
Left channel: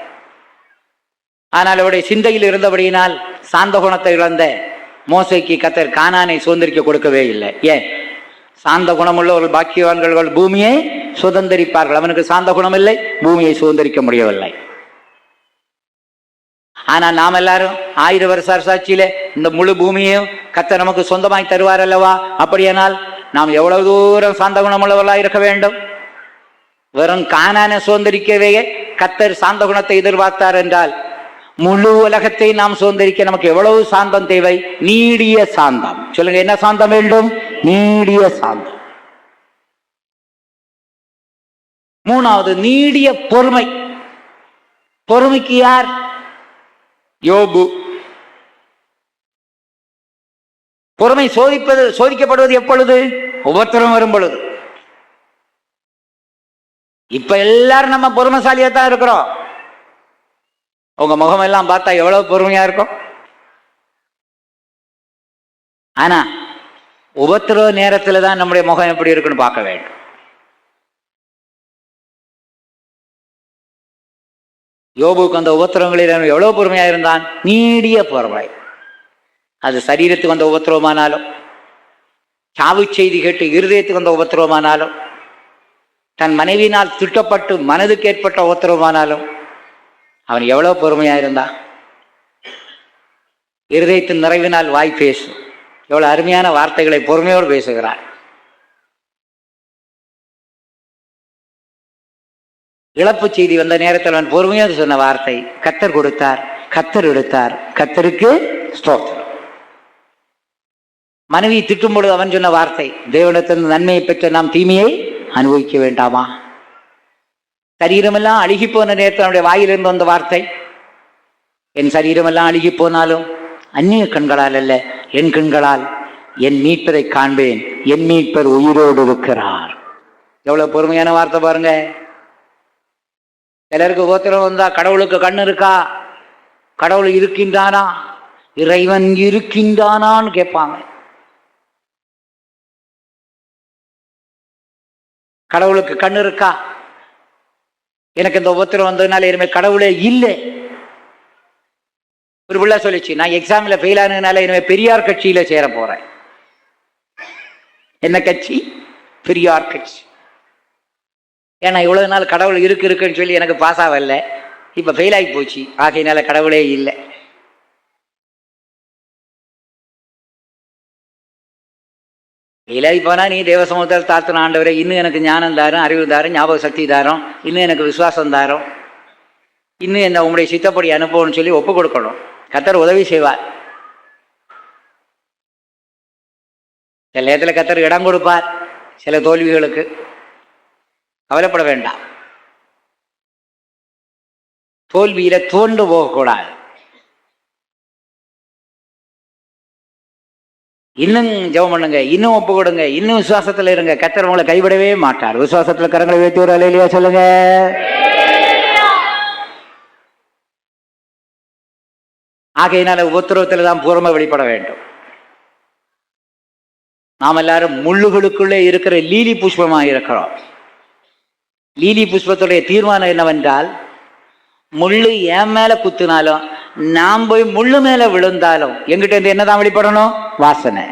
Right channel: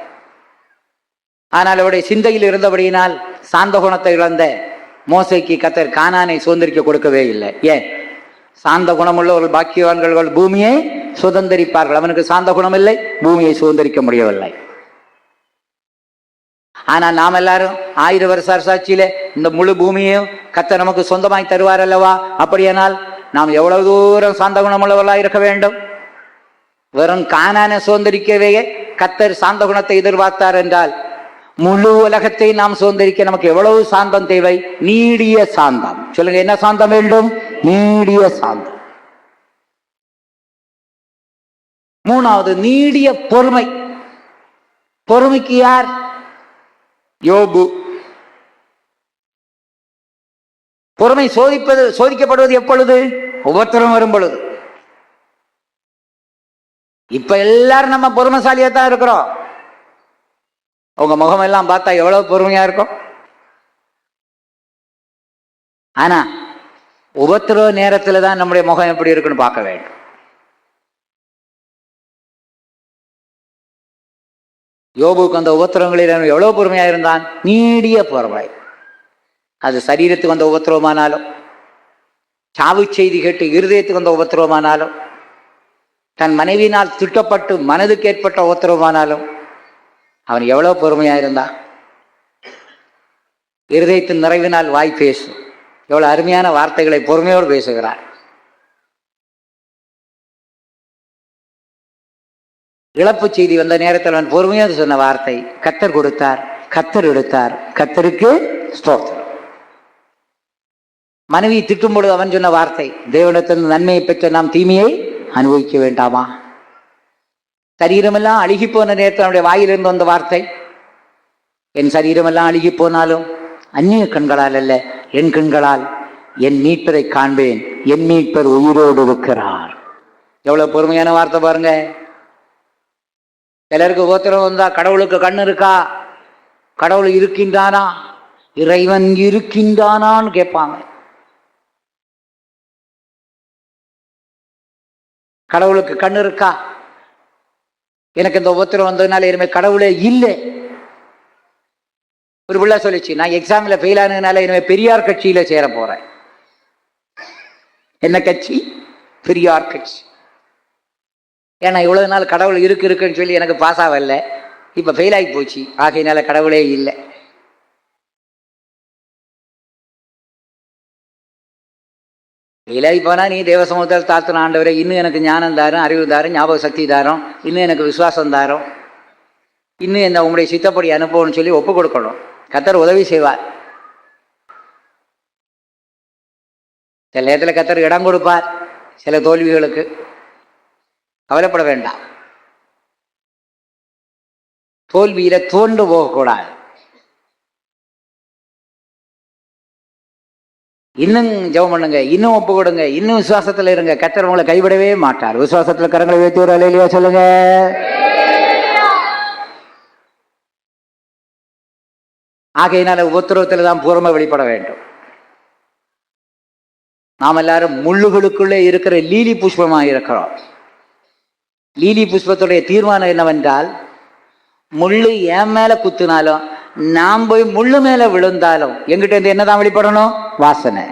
ஆனால் அவருடைய சிந்தையில் இருந்தபடியினால் சாந்த குணத்தை இழந்த மோசைக்கு கர்த்தர் கானானை சுதந்திரிக்க கொடுக்கவே இல்லை. ஏன்? சாந்த குணமுள்ள ஒரு பாக்கியவான்கள் பூமியை சுதந்திரிப்பார்கள். அவனுக்கு சாந்த குணம் இல்லை, பூமியை சுதந்திரிக்க முடியவில்லை. ஆனா நாம் எல்லாரும் 1000 வருஷ அரசாட்சியில இந்த முழு பூமியையும் கர்த்தர் நமக்கு சொந்தமாய் தருவார் அல்லவா? அப்படியானால் நாம் எவ்வளவு தூரம் சாந்த குணமுள்ளவர்களாக இருக்க வேண்டும்? வெறும் கானானை சுதந்திரிக்கவே கர்த்தர் சாந்த குணத்தை எதிர்பார்த்தார் என்றால் முழு உலகத்தை நாம் சுதந்திரிக்க நமக்கு எவ்வளவு சாந்தம் தேவை? நீடிய சாந்தம். சொல்லுங்க, என்ன சாந்தம் வேண்டும்? நீடிய சாந்தம். மூணாவது, நீடிய பொறுமை. பொறுமைக்கு யார்? யோபு. பொறுமை சோதிக்கப்படுவது எப்பொழுது? உபத்திரம் வரும் பொழுது. இப்ப எல்லாரும் நம்ம பொறுமைசாலியா தான் இருக்கிறோம். உங்க முகம் எல்லாம் பார்த்தா எவ்வளவு பொறுமையா இருக்கும். ஆனா உபத்திரவ நேரத்துல தான் நம்முடைய முகம் எப்படி இருக்குன்னு பார்க்க வேண்டும். யோபுக்கு அந்த உபத்திரவங்களில் எவ்வளவு பொறுமையா இருந்தான்? நீடிய பொறுமை. அது சரீரத்துக்கு வந்த உபத்திரவமானாலும், சாவு செய்தி கேட்டு இருதயத்துக்கு வந்த உபத்திரவமானாலும், தன் மனைவியினால் திட்டப்பட்டு மனதுக்கு ஏற்பட்ட உபத்திரவமானாலும் அவன் எவ்வளவு பொறுமையா இருந்தான். இருதயத்தின் நிறைவினால் வாய் பேசும். எவ்வளவு அருமையான வார்த்தைகளை பொறுமையோடு பேசுகிறார். இழப்பு செய்தி வந்த நேரத்தில் அவன் பொறுமையோடு சொன்ன வார்த்தை, கர்த்தர் கொடுத்தார், கர்த்தர் எடுத்தார், கர்த்தருக்கு ஸ்தோத்திரம். மனைவி திட்டும் பொழுது அவன் சொன்ன வார்த்தை, தேவனிடத்தின் நன்மையை பெற்ற நாம் தீமையை அனுபவிக்க வேண்டாமா? சரீரமெல்லாம் அழுகி போன நேரத்தில் அவனுடைய வாயிலிருந்து வந்த வார்த்தை, என் சரீரமெல்லாம் அழுகி போனாலும் அந்நிய கண்களால் அல்ல, என் கண்களால் என் மீட்பரை காண்பேன், என் மீட்பர் உயிரோடு இருக்கிறார். எவ்வளவு பொறுமையான வார்த்தை பாருங்க. சிலருக்கு உபத்திரம் வந்தா கடவுளுக்கு கண்ணு இருக்கா, கடவுள் இருக்கின்றானா, இறைவன் இருக்கின்றானான்னு கேட்பாங்க. கடவுளுக்கு கண்ணு இருக்கா? எனக்கு இந்த உபத்திரம் வந்ததுனால இனிமே கடவுளே இல்லை. ஒரு பிள்ளை சொல்லிச்சு, நான் எக்ஸாம்ல ஃபெயில் ஆனதுனால இனிமே பெரியார் கட்சியில சேர போறேன். என்ன கட்சி? பெரியார் கட்சி. ஏன்னா இவ்வளவு நாள் கடவுள் இருக்குன்னு சொல்லி எனக்கு பாஸ் ஆகல, இப்ப ஃபெயில் ஆகி போச்சு, ஆகையினால கடவுளே இல்லை. ஃபெயிலாகி போனா நீ தேவ சமூகத்தில் தாழ்த்தின ஆண்டவரை, இன்னும் எனக்கு ஞானம் தாரும், அறிவு தாரும், ஞாபக சக்தி தாரும், இன்னும் எனக்கு விசுவாசம் தாரும், இன்னும் என்ன உங்களுடைய சித்தப்படி அனுப்பணும்னு சொல்லி ஒப்பு கொடுக்கணும். கர்த்தர் உதவி செய்வார். சில நேரத்தில் கர்த்தர் இடம் கொடுப்பார் சில தோல்விகளுக்கு. கவலைப்பட வேண்டாம். தோல்வியில தோண்டு போகக்கூடாது. இன்னும் ஜெபம் பண்ணுங்க, இன்னும் ஒப்பு கொடுங்க, இன்னும் விசுவாசத்துல இருங்க. கர்த்தர் உங்களை கைவிடவே மாட்டார். விசுவாசத்துல கரங்களை வைத்து ஒரு அல்லேலூயா சொல்லுங்க. ஆகையினால உபத்திரவத்தில் தான் பூர்வமா வெளிப்பட வேண்டும். நாம் எல்லாரும் முள்ளுகளுக்குள்ளே இருக்கிற லீலி புஷ்பமாக இருக்கிறோம். லீலி புஷ்பத்துடைய தீர்மானம் என்னவென்றால், முள்ளு என் மேல குத்துனாலும் நாம் போய் முள்ளு மேல விழுந்தாலும் எங்கிட்ட இருந்து என்னதான் வெளிப்படணும்? வாசனை.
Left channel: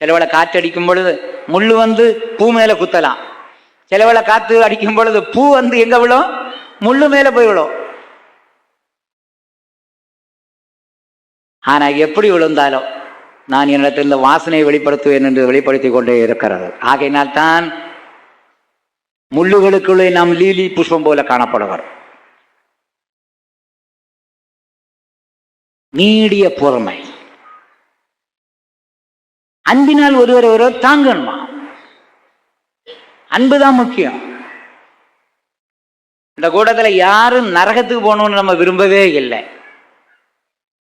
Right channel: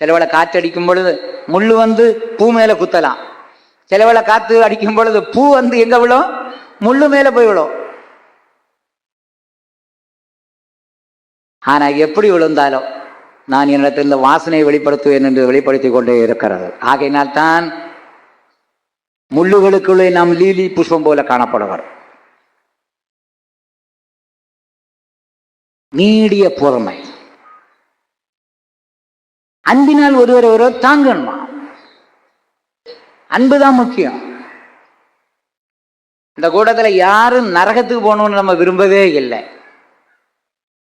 சிலவேளை காற்று அடிக்கும் பொழுது முள்ளு வந்து பூ மேல குத்தலாம். சிலவேளை காற்று அடிக்கும் பொழுது பூ வந்து எங்க விழும்? முள்ளு மேல போய் விழும். ஆனா எப்படி விழுந்தாலும் நான் என்னிடத்தில் இந்த வாசனையை வெளிப்படுத்துவேன் என்று வெளிப்படுத்தி கொண்டே இருக்கிறது. ஆகையினால் தான் முள்ளுகளுக்குள்ளே நாம் லீலி புஷ்பம் போல காணப்படுவார். நீடிய பொறுமை. அன்பினால் ஒருவர் ஒருவர் தாங்கணுமா? அன்புதான் முக்கியம். இந்த கூட்டத்தில் யாரும் நரகத்துக்கு போகணும்னு நம்ம விரும்பவே இல்லை.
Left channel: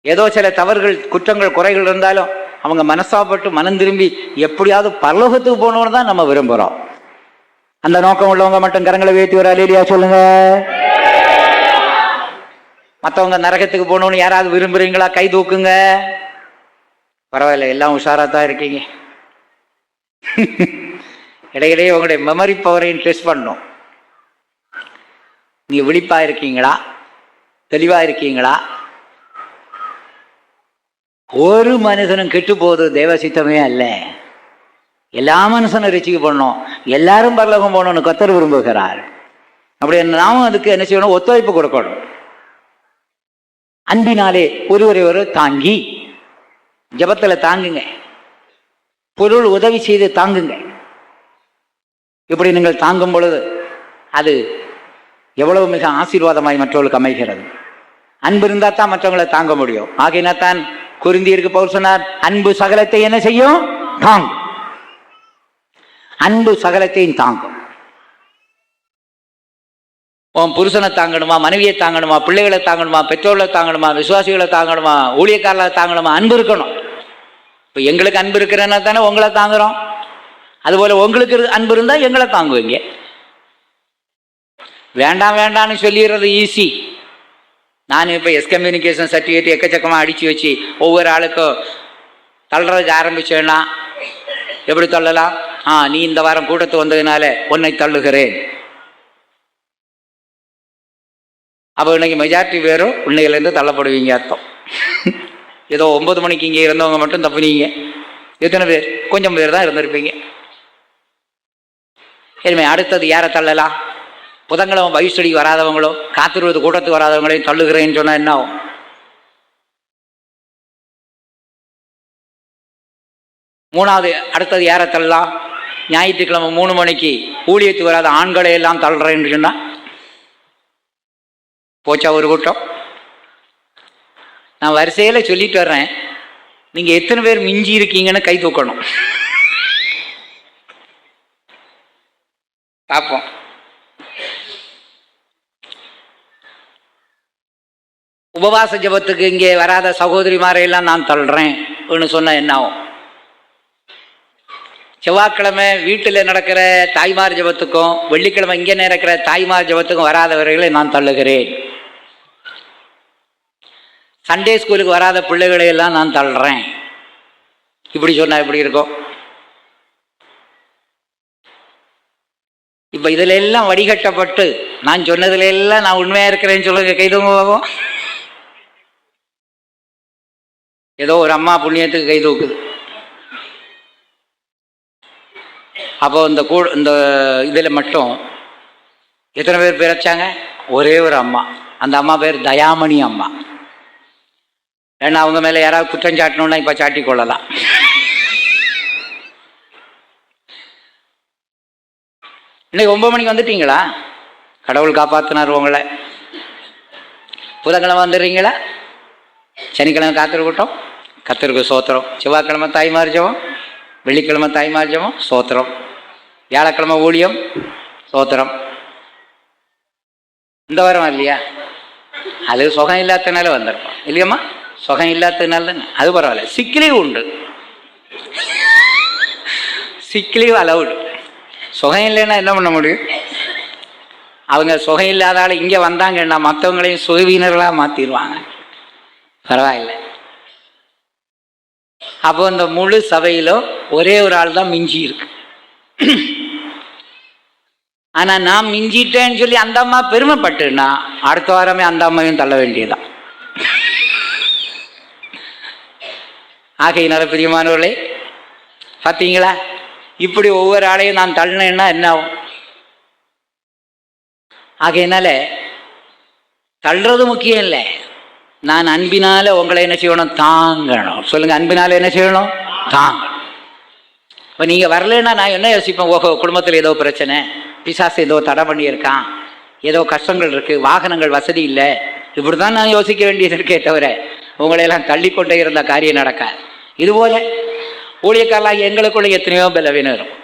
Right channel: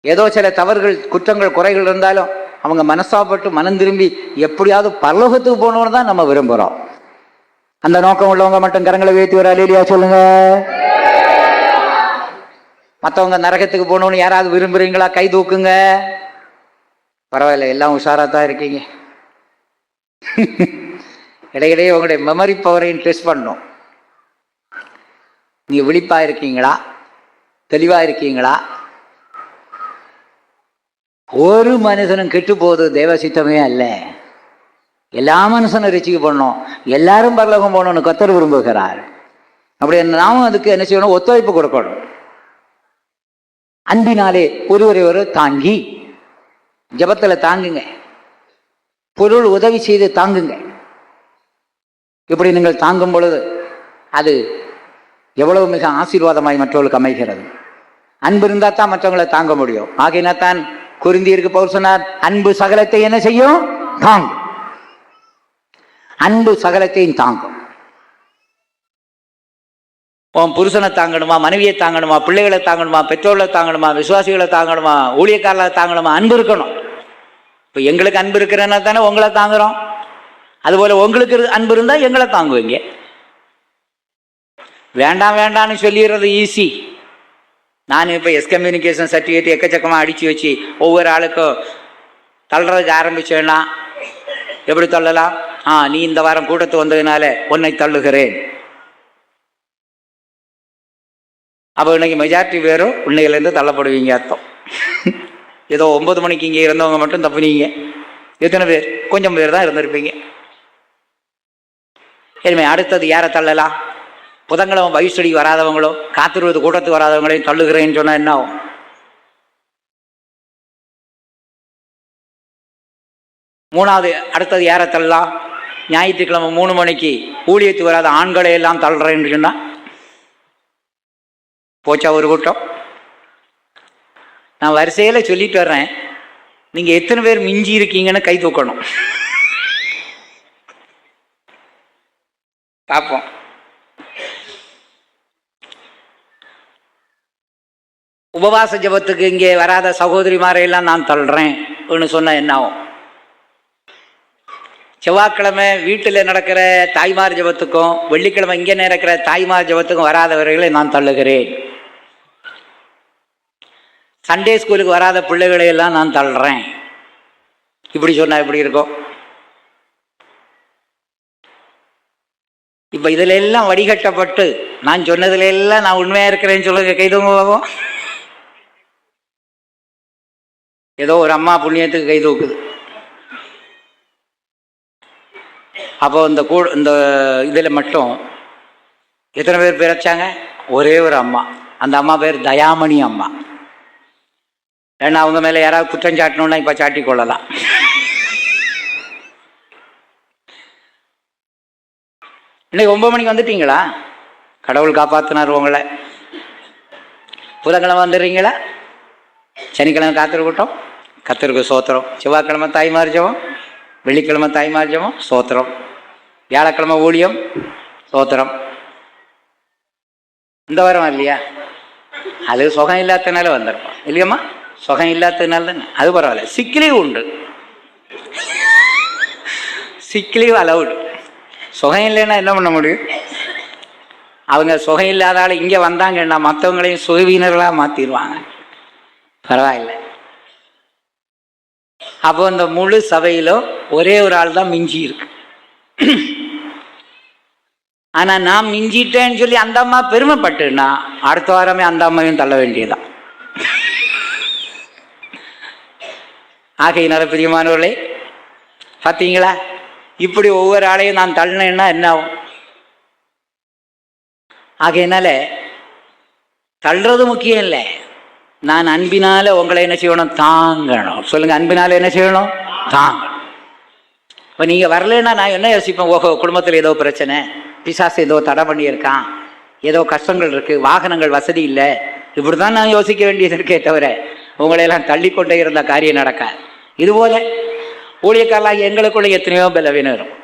ஏதோ சில தவறுகள், குற்றங்கள், குறைகள் இருந்தாலும் அவங்க மனசாப்பட்டு மனம் திரும்பி எப்படியாவது பரலோகத்துக்கு போகணும்னு தான் நம்ம விரும்புகிறோம். அந்த நோக்கம் உள்ளவங்க மட்டும் கரங்களை உயர்த்தி ஒரு அல்லேலூயா சொல்லுங்க. மற்றவங்க நரகத்துக்கு போகணும்னு யாராவது விரும்புறீங்களா? கை தூக்குங்க. பரவாயில்ல, எல்லாம் உஷாரா தான் இருக்கீங்க. இடையிடையே உங்களுடைய மெமரி பவரையும் டெஸ்ட் பண்ணும். நீங்க விழிப்பா இருக்கீங்களா? தெளிவா இருக்கீங்களா? ஒரு மனுஷனும் கெட்டு போகுது தேவசித்தமே அல்ல. எல்லா மனுஷனும் ரசிக்க பண்ணணும், எல்லாரும் பரலோகம் போகணும்னு கர்த்தர் விரும்புகிறார். அப்படி நாமும் அதுக்கு என்ன செய்யணும்? ஒத்துழைப்பு கொடுக்கணும். அன்பினாலே ஒருவரை ஒரு தாங்கி, ஜபத்தில் தாங்குங்க, பொருள் உதவி செய்து தாங்குங்க. இப்படி நீங்கள் தாங்கும் பொழுது அது எவ்வளவு மிக ஆசீர்வாதமாய் மற்றவர்களுக்கு அமைகிறது. அன்பு இருந்தால் தான் மற்றவங்களை தாங்க முடியும். ஆகையினாத்தான் கொரிந்தியருக்கு பவுல் சொன்னார், அன்பு சகலத்தை என்ன செய்யும்? தாங்கும். அன்பு சகலத்தையும் தாங்கும். உன் புருஷனை தாங்கணுமா, மனைவியை தாங்கணுமா, பிள்ளைகளை தாங்கணுமா, பெற்றோர்களை தாங்கணுமா, விசுவாசிகளை தாங்கணுமா, ஊழியக்காரர்களை தாங்கணுமா? அன்பு இருக்கணும். இப்போ எங்களுக்கு அன்பு இருக்கிறன்னா தானே உங்களை தாங்குறோம். அதுபோல் உங்களுக்கு அன்பு இருந்தால் எங்களை தாங்குவீங்க. வேண்டாம் வேண்டான்னு சொல்லிடுறது ஈஸி. நான் இப்போ எஸ்கம்யூனிகேஷன் சர்டிஃபிகேட் எக்கச்சக்கமாக அடித்து வச்சு ஒவ்வொரு ஆளுக்கும் தள்ளுறதுக்கு ஆரம்பிச்சேன்னா எப்படி தள்ளலாம்? நீ இந்த வாரம் கூட்டத்து வந்ததுனால உன்னை தள்ளுகிறேன். அப்போ இன்னைக்கு மெஜாரிட்டி பேரும் உன்னையிலேருந்து தள்ளப்படுவீங்க அர்த்தம். ஏதோ 9 மணிக்கு இங்கே இருந்தவங்க மட்டும் தப்புனீங்க. எத்தனை பேர்? கொஞ்சம் பேர் தான் இருந்திருப்பீங்க. இனிமே அடுத்தது யாரை தள்ளலாம்? புதன்கிழமை பைபிள் ஸ்டடிக்கு வராதவங்களோ, காத்திருவது கூட்டத்துக்கு வராதவங்களையும் தள்ளுகிறேன்னு சொன்னால் என்ன ஆகும்? மூணாவது அடுத்தது யாரை தள்ளலாம்? ஞாயிற்றுக்கிழமை 3 மணிக்கு ஊழியத்துக்கு வராத ஆண்களை எல்லாம் தள்ளுறேன்னு சொன்னால் போச்சா ஒரு கூட்டம்? நான் வரிசையில் சொல்லிட்டு வர்றேன், நீங்கள் எத்தனை பேர் மிஞ்சி இருக்கீங்கன்னு கை தூக்கணும். பார்ப்போம். உபவாச ஜபத்துக்கு இங்கே வராத சகோதரிமாரையெல்லாம் நான் தள்ளுறேன் சொன்ன என்ன ஆகும்? செவ்வாய்க்கிழமை வீட்டில் நடக்கிற தாய்மார் ஜபத்துக்கும் வெள்ளிக்கிழமை இங்கே நடக்கிற தாய்மார் ஜபத்துக்கும் வராதவர்களை நான் தள்ளுகிறேன். சண்டே ஸ்கூலுக்கு வராத பிள்ளைகளை எல்லாம் நான் தள்ளுறேன். இப்படி சொன்னால் எப்படி இருக்கும்? இப்போ இதில் எல்லாம் வடிகட்டப்பட்டு நான் சொன்னதுல எல்லாம் நான் உண்மையாக இருக்கிறேன்னு சொல்லுங்க, கைதூங்க போகும். ஏதோ ஒரு அம்மா புண்ணியத்துக்கு கை தூக்குது. அப்போ இந்த இதில் மட்டும் எத்தனை பேர் பிறச்சாங்க? ஒரே ஒரு அம்மா. அந்த அம்மா பேர் தயாமணி அம்மா. ஏன்னா அவங்க மேலே யாராவது குற்றம் சாட்டணும்னா இப்போ சாட்டி கொள்ளலாம். இன்னைக்கு 9 மணிக்கு வந்துட்டீங்களா? கடவுள் காப்பாற்றினார் உங்களை. புதன்கிழமை வந்துடுறீங்களா? சனிக்கிழமை காத்திருக்கட்டும், கத்திருக்கு சோத்திரம். செவ்வாய்க்கிழமை தாய்மார் ஜெபம், வெள்ளிக்கிழமை தாய்மார் ஜெபம், சோத்திரம். வியாழக்கிழமை ஊழியம், சோத்திரம். இந்த வாரம் இல்லையா? அது சுகம் இல்லாதனால வந்திருப்போம் இல்லையம்மா? சுகம் இல்லாததுனால தானே. அது பரவாயில்ல. சிக்லீவ் உண்டு, சிக்லீவ் அலவுட். சுகம் இல்லைன்னா என்ன பண்ண முடியும்? அவங்க சுகம் இல்லாதால இங்கே வந்தாங்கன்னா மற்றவங்களையும் சுகவீனர்களாக மாற்றிடுவாங்க. பரவாயில்ல. அப்போ இந்த முழு சபையிலும் ஒரே ஒரு ஆள் தான் மிஞ்சி இருக்கு. ஆனால் நான் மிஞ்சிட்டேன்னு சொல்லி அந்த அம்மா பெருமைப்பட்டுன்னா அடுத்த வாரமே அந்த அம்மாவையும் தள்ள வேண்டியதுதான். ஆகையினால பிரியமானவர்களே, பார்த்தீங்களா? இப்படி ஒவ்வொரு ஆளையும் நான் தள்ளினேன்னா என்ன ஆகும்? ஆகையினால தள்ளுறது முக்கியம் இல்லை. நான் அன்பினால உங்களை என்ன செய்யணும்? தாங்கணும். சொல்லுங்க, அன்பினால என்ன செய்யணும்? தாங்கணும். இப்போ நீங்கள் வரலன்னா நான் என்ன யோசிப்பேன்? ஓஹோ, குடும்பத்தில் ஏதோ பிரச்சனை, பிசாசு ஏதோ தடை பண்ணியிருக்கான், ஏதோ கஷ்டங்கள் இருக்குது, வாகனங்கள் வசதி இல்லை, இப்படி தான் நான் யோசிக்க வேண்டியது இருக்கே தவிர உங்களையெல்லாம் தள்ளிக்கொண்டே இருந்த காரியம் நடக்காது. இதுபோல் ஊழியக்காரலாகி எங்களுக்குள்ள எத்தனையோ பலவீனம் இருக்கும்.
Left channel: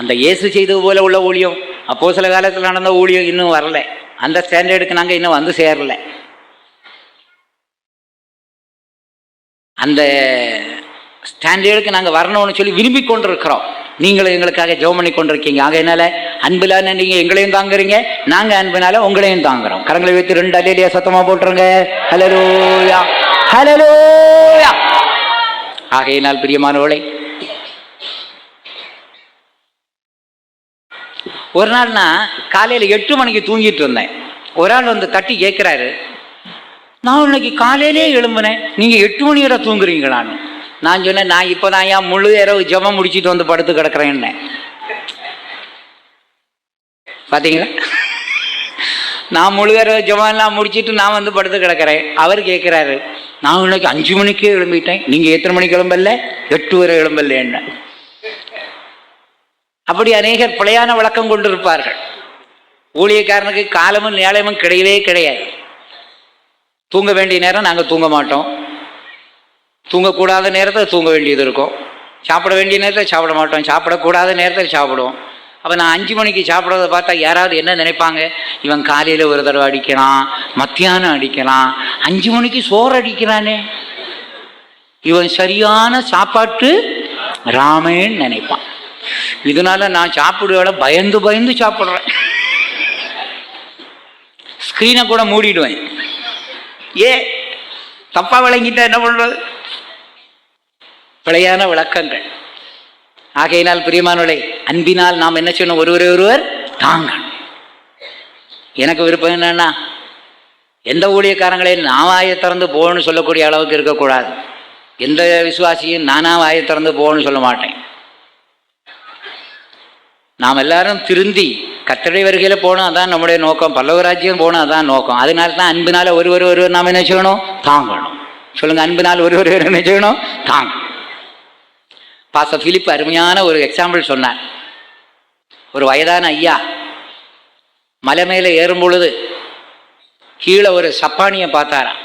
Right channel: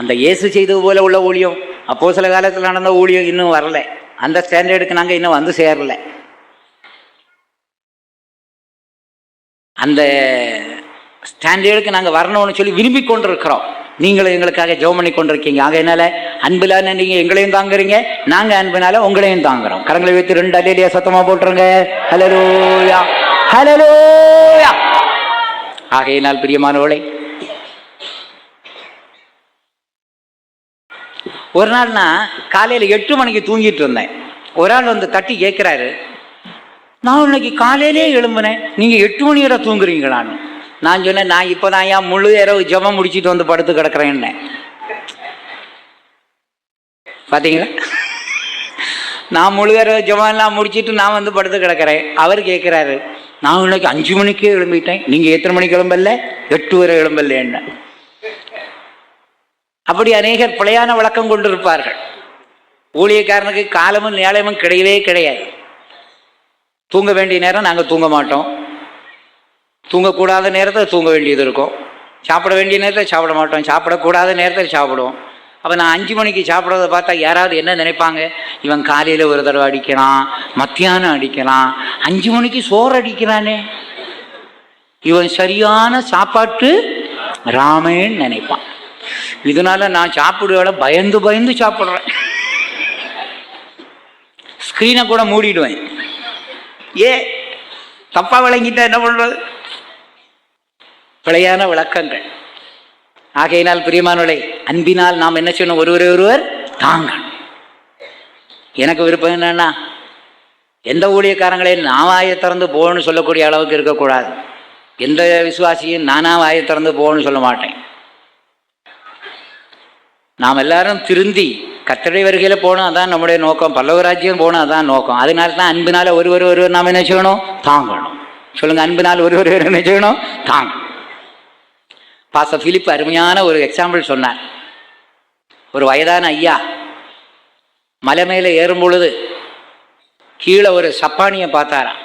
அந்த இயேசு செய்தது போல உள்ள ஊழியம், அப்போ சில காலத்தில் நடந்த ஊழியம் இன்னும் வரல. அந்த ஸ்டாண்டர்டுக்கு நாங்கள் இன்னும் வந்து சேரல. அந்த ஸ்டாண்டர்டுக்கு நாங்கள் வரணும்னு சொல்லி விரும்பி கொண்டிருக்கிறோம். நீங்களும் எங்களுக்காக ஜெபம் பண்ணி கொண்டிருக்கீங்க. ஆக என்னால் அன்பிலான நீங்கள் எங்களையும் தாங்குறீங்க, நாங்கள் அன்பினால உங்களையும் தாங்குறோம். கரங்களை வைத்து 2 அல்லேலூயா சத்தமாக போட்டுருங்க. ஹல்லேலூயா, ஹல்லேலூயா. ஆகையினால் பிரியமானவர்களே, ஒரு நாள் நான் காலையில் 8 மணிக்கு தூங்கிட்டு இருந்தேன். ஒரு ஆள் வந்து தட்டி கேட்குறாரு, நான் இன்னைக்கு காலையிலே எழும்புனேன், நீங்கள் 8 மணி வரை தூங்குறீங்களான்னு. நான் சொன்னேன், நான் இப்போ தான் ஏன் முழு இரவு ஜெபம் முடிச்சுட்டு வந்து படுத்து கிடக்குறேன்னு. பார்த்தீங்களா, நான் முழு இரவு ஜெபம் எல்லாம் முடிச்சுட்டு நான் வந்து படுத்து கிடக்கிறேன். அவர் கேட்குறாரு, நான் இன்னைக்கு 5 மணிக்கே எழும்பிட்டேன், நீங்கள் எத்தனை மணிக்கு எழும்பல? 8 வரை எழும்பல என்ன. அப்படி அநேகர் பிழையான விளக்கம் கொண்டிருப்பார்கள். ஊழியக்காரனுக்கு காலமும் நேரமும் கிடையவே கிடையாது. தூங்க வேண்டிய நேரம் நாங்கள் தூங்க மாட்டோம், தூங்கக்கூடாத நேரத்தில் தூங்க வேண்டியது இருக்கும், சாப்பிட வேண்டிய நேரத்தில் சாப்பிட மாட்டோம், சாப்பிடக்கூடாத நேரத்தில் சாப்பிடுவோம். அப்போ நான் 5 மணிக்கு சாப்பிட்றத பார்த்தா யாராவது என்ன நினைப்பாங்க, இவன் காலையில் ஒரு தடவை அடிக்கிறான், மத்தியானம் அடிக்கிறான், 5 மணிக்கு சோறு அடிக்கிறானே, இவன் சரியான சாப்பாட்டு ராமேன்னு நினைப்பான். இதனால நான் சாப்பிடுவோட பயந்து பயந்து சாப்பிட்றேன். ஸ்க்ரீனை கூட மூடிடுவேன். தப்பா விளங்கிட்டா என்ன பண்றது? பிழையான விளக்கங்கள். ஆகையினால் பிரியமானவர்களே, அன்பினால் நாம் என்ன சொன்னோம், ஒருவர் தாங்க. எனக்கு விருப்பம் என்னன்னா, எந்த ஊழியக்காரங்களையும் நான் வாயை திறந்து போகணும்னு சொல்லக்கூடிய அளவுக்கு இருக்கக்கூடாது. எந்த விசுவாசியும் நானா வாயை திறந்து போகணும்னு சொல்ல மாட்டேன். நாம் எல்லாரும் திருந்தி கர்த்தருடைய வருகையில் போகணும், அதான் நம்முடைய நோக்கம். பல்லவராஜ்யம் போகணும், அதான் நோக்கம். அதனால தான் அன்பினால் ஒருவர் நாம் என்ன செய்யணும், தாங்கணும். சொல்லுங்க, அன்பினால் ஒருவர் என்ன செய்யணும், தாங்க. பாஸ்டர் பிலிப் அருமையான ஒரு எக்ஸாம்பிள் சொன்னார். ஒரு வயதான ஐயா மலை மேலே ஏறும் பொழுது கீழே ஒரு சப்பானியை பார்த்தாராம்.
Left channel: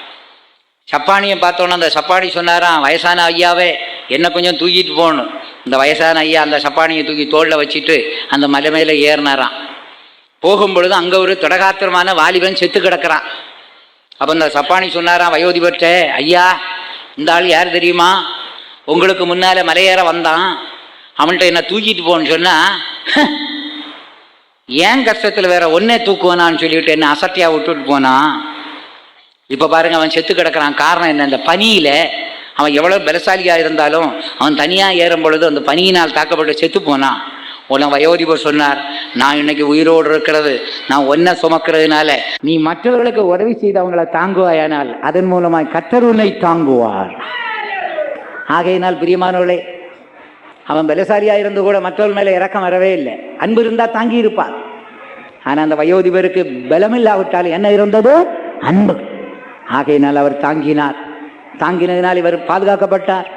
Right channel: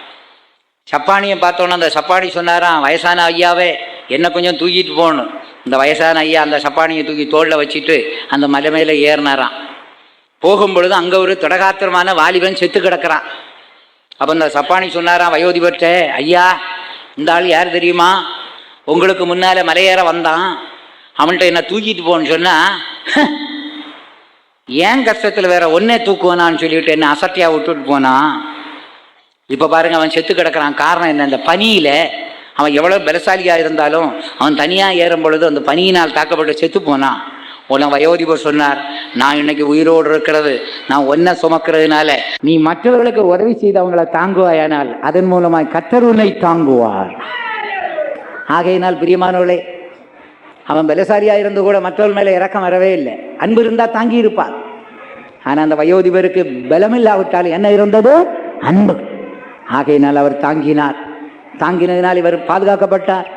சப்பானியை பார்த்தோன்னே அந்த சப்பானி சொன்னாராம், வயசான ஐயாவே என்ன கொஞ்சம் தூக்கிட்டு போகணும். இந்த வயசான ஐயா அந்த சப்பானியை தூக்கி தோளில் வச்சுட்டு அந்த மலை மேலே ஏறினாராம். போகும்பொழுது அங்கே ஒரு திடகாத்திரமான வாலிபன் செத்து கிடக்கிறான். அப்போ இந்த சப்பானி சொன்னாராம் வயோதிபர்கிட்ட, ஐயா இந்த ஆள் யார் தெரியுமா, உங்களுக்கு முன்னால் மலையேற வந்தான், அவன்கிட்ட என்ன தூக்கிட்டு போன்னு சொன்னால் ஏன் கஷ்டத்தில் வேற ஒன்னே தூக்குவானான்னு சொல்லிவிட்டு என்ன அசட்டியாக விட்டுட்டு போனான். இப்போ பாருங்க, அவன் செத்து கிடக்கிறான். காரணம் என்ன, இந்த பனியில் அவன் எவ்வளோ பலசாலியாக இருந்தாலும் அவன் தனியாக ஏறும் பொழுது அந்த பனியினால் தாக்கப்பட்டு செத்து போனான். உடனே வயோதிபர் சொன்னார், நான் இன்னைக்கு உயிரோடு இருக்கிறது நான் ஒன்றை சுமக்கிறதுனால நீ மற்றவர்களுக்கு உதவி செய்து அவங்களை தாங்குவாயானால் அதன் மூலமாய் கர்த்தர் உன்னை தாங்குவார். ஆகையினால் பிரியமானவர்களே, அவன் பலசாலியாக இருந்து கூட மற்றவர்கள் மேலே இறக்கம் வரவே இல்லை. அன்பு இருந்தால் தாங்கி இருப்பார். ஆனால் அந்த வயோதிபருக்கு பலமில்லாவிட்டால் என்ன இருந்தது, அன்பு. ஆகையினால் அவர் தாங்கினார். தாங்கினதினால் இவர் பாதுகாக்கப்பட்டார்.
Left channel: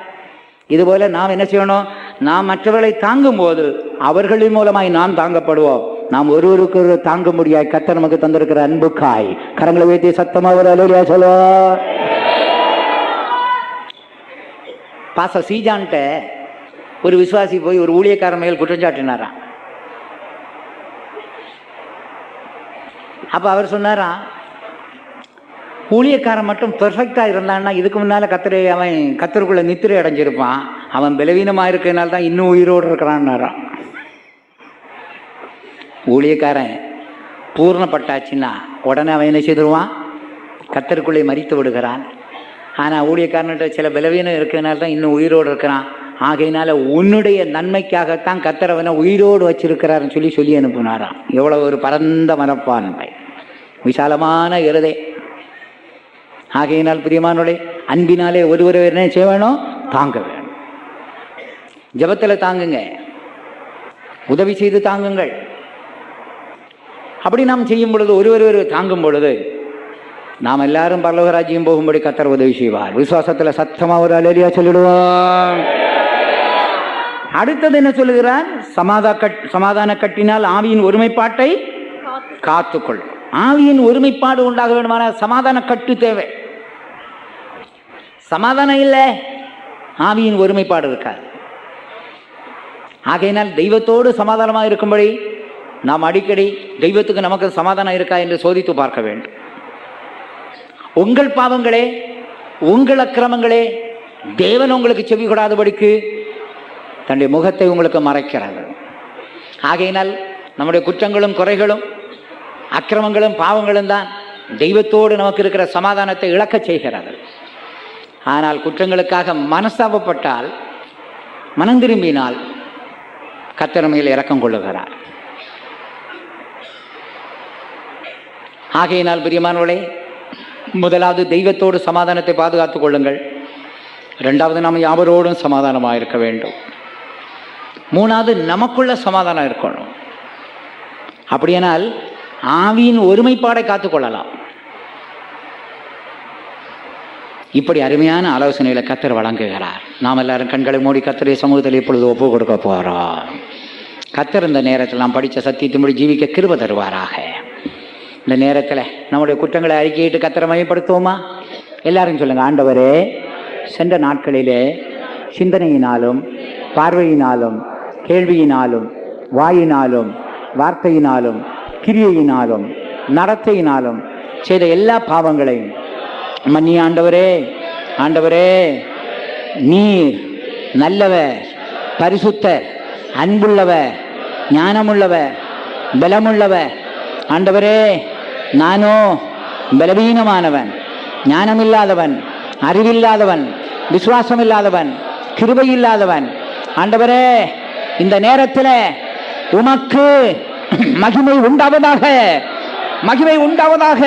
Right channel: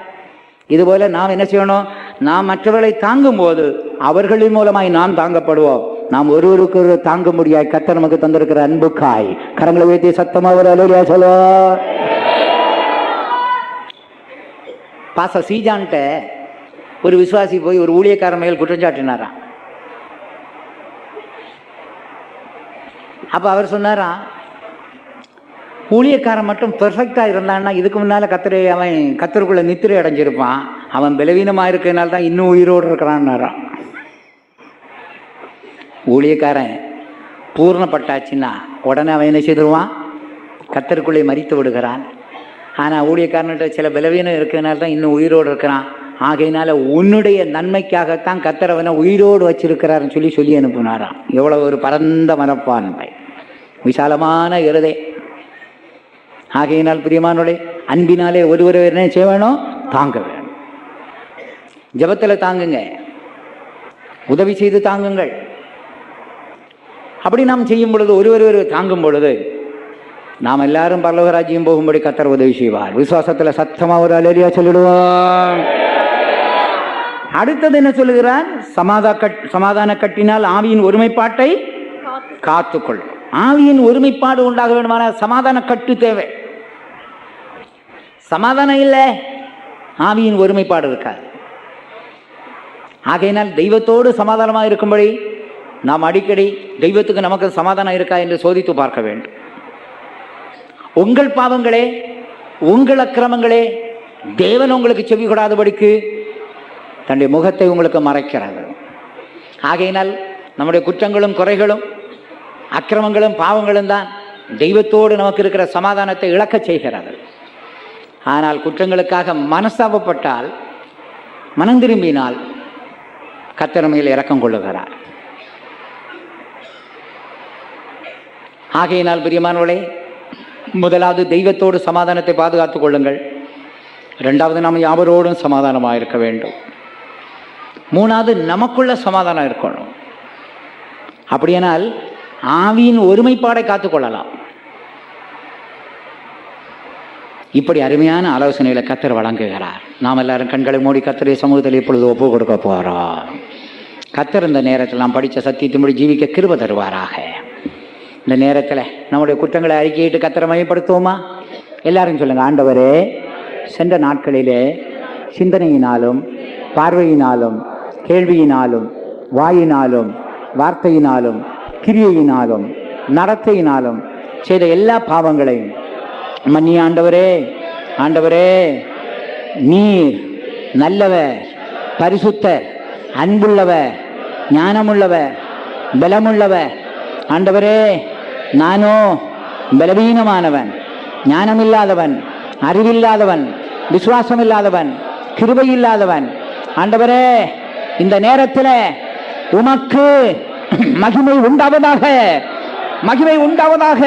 இதுபோல நாம் என்ன செய்யணும், நாம் மற்றவர்களை தாங்கும் போது அவர்களின் மூலமாய் நாம் தாங்கப்படுவோம். நாம் ஒருவருக்கு ஒரு தாங்க முடியாய் கர்த்தர் நமக்கு தந்திருக்கிற அன்புக்காய் கரங்களை உயர்த்தி சத்தமாக ஒரு அல்லேலூயா சொல்லுவோம். பாஸ்டர் சீஜான்ட்ட ஒரு விசுவாசி போய் ஒரு ஊழியக்காரன் மேல் குற்றஞ்சாட்டினாராம். அப்ப அவர் சொன்னாராம், ஊழியக்காரன் மட்டும் பெர்ஃபெக்டா இருந்தான்னா இதுக்கு முன்னால அவன் கத்தருக்குள்ள நித்திரை அடைஞ்சிருப்பான். அவன் பலவீனமா இருக்கிறதுனால தான் இன்னும் உயிரோடு இருக்கிறான்னாராம். ஊழியக்காரன் பூர்ணப்பட்டாச்சுன்னா உடனே அவன் என்ன செய்துருவான், கத்தருக்குள்ளே மரித்து விடுகிறான். ஆனால் ஊழியக்காரன்கிட்ட சில பலவீனம் இருக்கிறதுனால தான் இன்னும் உயிரோடு இருக்கிறான். ஆகையினால உன்னுடைய நன்மைக்காகத்தான் கர்த்தர் அவனை உயிரோடு வச்சிருக்கிறாருன்னு சொல்லி அனுப்புனாராம். எவ்வளவு ஒரு பரந்த மனப்பான்மை, விசாலமான இருதயம். ஆகையினால் பிரியமானோட அன்பினாலே ஒருவர் என்ன செய்ய வேணும், தாங்க வேணும். ஜெபத்தில் தாங்குங்க, உதவி செய்து தாங்குங்கள். அப்படி நாம் செய்யும் பொழுது ஒருவர் தாங்கும் பொழுது நாம் எல்லாரும் பரலோகராஜ்யம் போகும்படி கர்த்தர் உதவி செய்வார். விசுவாசத்தில் சத்தமா ஒரு அல்லேலூயா சொல்லிடுவோம். அடுத்தது என்ன சொல்லுகிறார், சமாதான கட்டினால் ஆவியின் ஒருமைப்பாட்டை காத்துக்கொள்ளும். ஆவியின் ஒருமைப்பாடு உண்டாக வேண்டுமான சமாதான கட்டு தேவை. சமாதானம் இல்லை, ஆவியின் ஒருமைப்பாடு இருக்காது. ஆகையினால் தெய்வத்தோடு சமாதானமாக இருக்கும்படி நாம் அடிக்கடி தெய்வத்துக்கு நமக்கு சமாதானம் இருக்கா என்று சோதித்து பார்க்க வேண்டும். உங்கள் பாவங்களே, உங்கள் அக்கிரமங்களே தேவன் உங்களுக்கு செவி கொடாதபடிக்கு தன்னுடைய முகத்தை உங்களுக்கு மறைக்கிறார்கள். ஆகையினால் நம்முடைய குற்றங்களும் குறைகளும் அக்கிரமங்களும் பாவங்களும் தான் தெய்வத்தோடு நமக்கு இருக்கிற சமாதானத்தை இழக்க செய்கிறார்கள். ஆனால் குற்றங்களுக்காக மனஸ்தாபப்பட்டால், மனம் திரும்பினால் கர்த்தர் மேல் இரக்கம் கொள்ளுகிறார். ஆகையினால் பிரியமானவர்களே, முதலாவது தெய்வத்தோடு சமாதானத்தை பாதுகாத்துக் கொள்ளுங்கள். இரண்டாவது நாம் யாவரோடும் சமாதானமாக இருக்க வேண்டும். மூணாவது நமக்குள்ள சமாதானம் இருக்கணும். அப்படியானால் ஆவியின் ஒருமைப்பாடை காத்துக்கொள்ளலாம். இப்படி அருமையான ஆலோசனைகளை கர்த்தர் வழங்குகிறார். நாம் எல்லாரும் கண்களை மூடி கர்த்தருடைய சமூகத்தில் இப்பொழுது ஒப்பு கொடுக்க போகிறோம். கர்த்தர் இந்த நேரத்தில் நாம் படித்த சத்தியத்தின்படி ஜீவிக்க கிருபை தருவாராக. இந்த நேரத்தில் நம்முடைய குற்றங்களை அறிக்கையிட்டு கர்த்தரை மையப்படுத்துவோமா? எல்லாரும் சொல்லுங்கள், ஆண்டவரே, சென்ற நாட்களிலே சிந்தனையினாலும் பார்வையினாலும் கேள்வியினாலும் வாயினாலும் வார்த்தையினாலும் கிரியையினாலும் நடத்தையினாலும் செய்த எல்லா பாவங்களையும் மன்னி ஆண்டவரே. ஆண்டவரே, நீர் நல்லவர், பரிசுத்தர், அன்புள்ளவர், ஞானமுள்ளவர், பலமுள்ளவர். ஆண்டவரே, நானோ பலவீனமானவன், ஞானமில்லாதவன், அறிவில்லாதவன், விசுவாசமில்லாதவன், கிருபையில்லாதவன். ஆண்டவரே, இந்த நேரத்தில் உமக்கு மகிமை உண்டாவதாக, மகிமை உண்டாவதாக.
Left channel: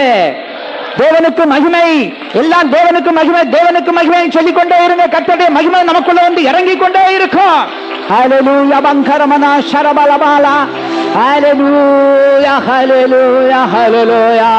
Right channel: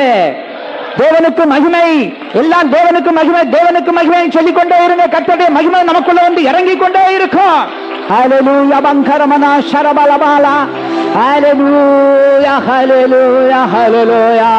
தேவனுக்கு மகிமை, எல்லாம் தேவனுக்கு மகிமை, தேவனுக்கு மகிமை சொல்லிக்கொண்டே இருங்க. கர்த்தருடைய மகிமை நமக்குள்ள வந்து இறங்கிக் கொண்டே இருக்கும். ஹல்லேலூயா பங்கரமனா ஷரபலபாலா. ஹல்லேலூயா ஹல்லேலூயா ஹல்லேலூயா.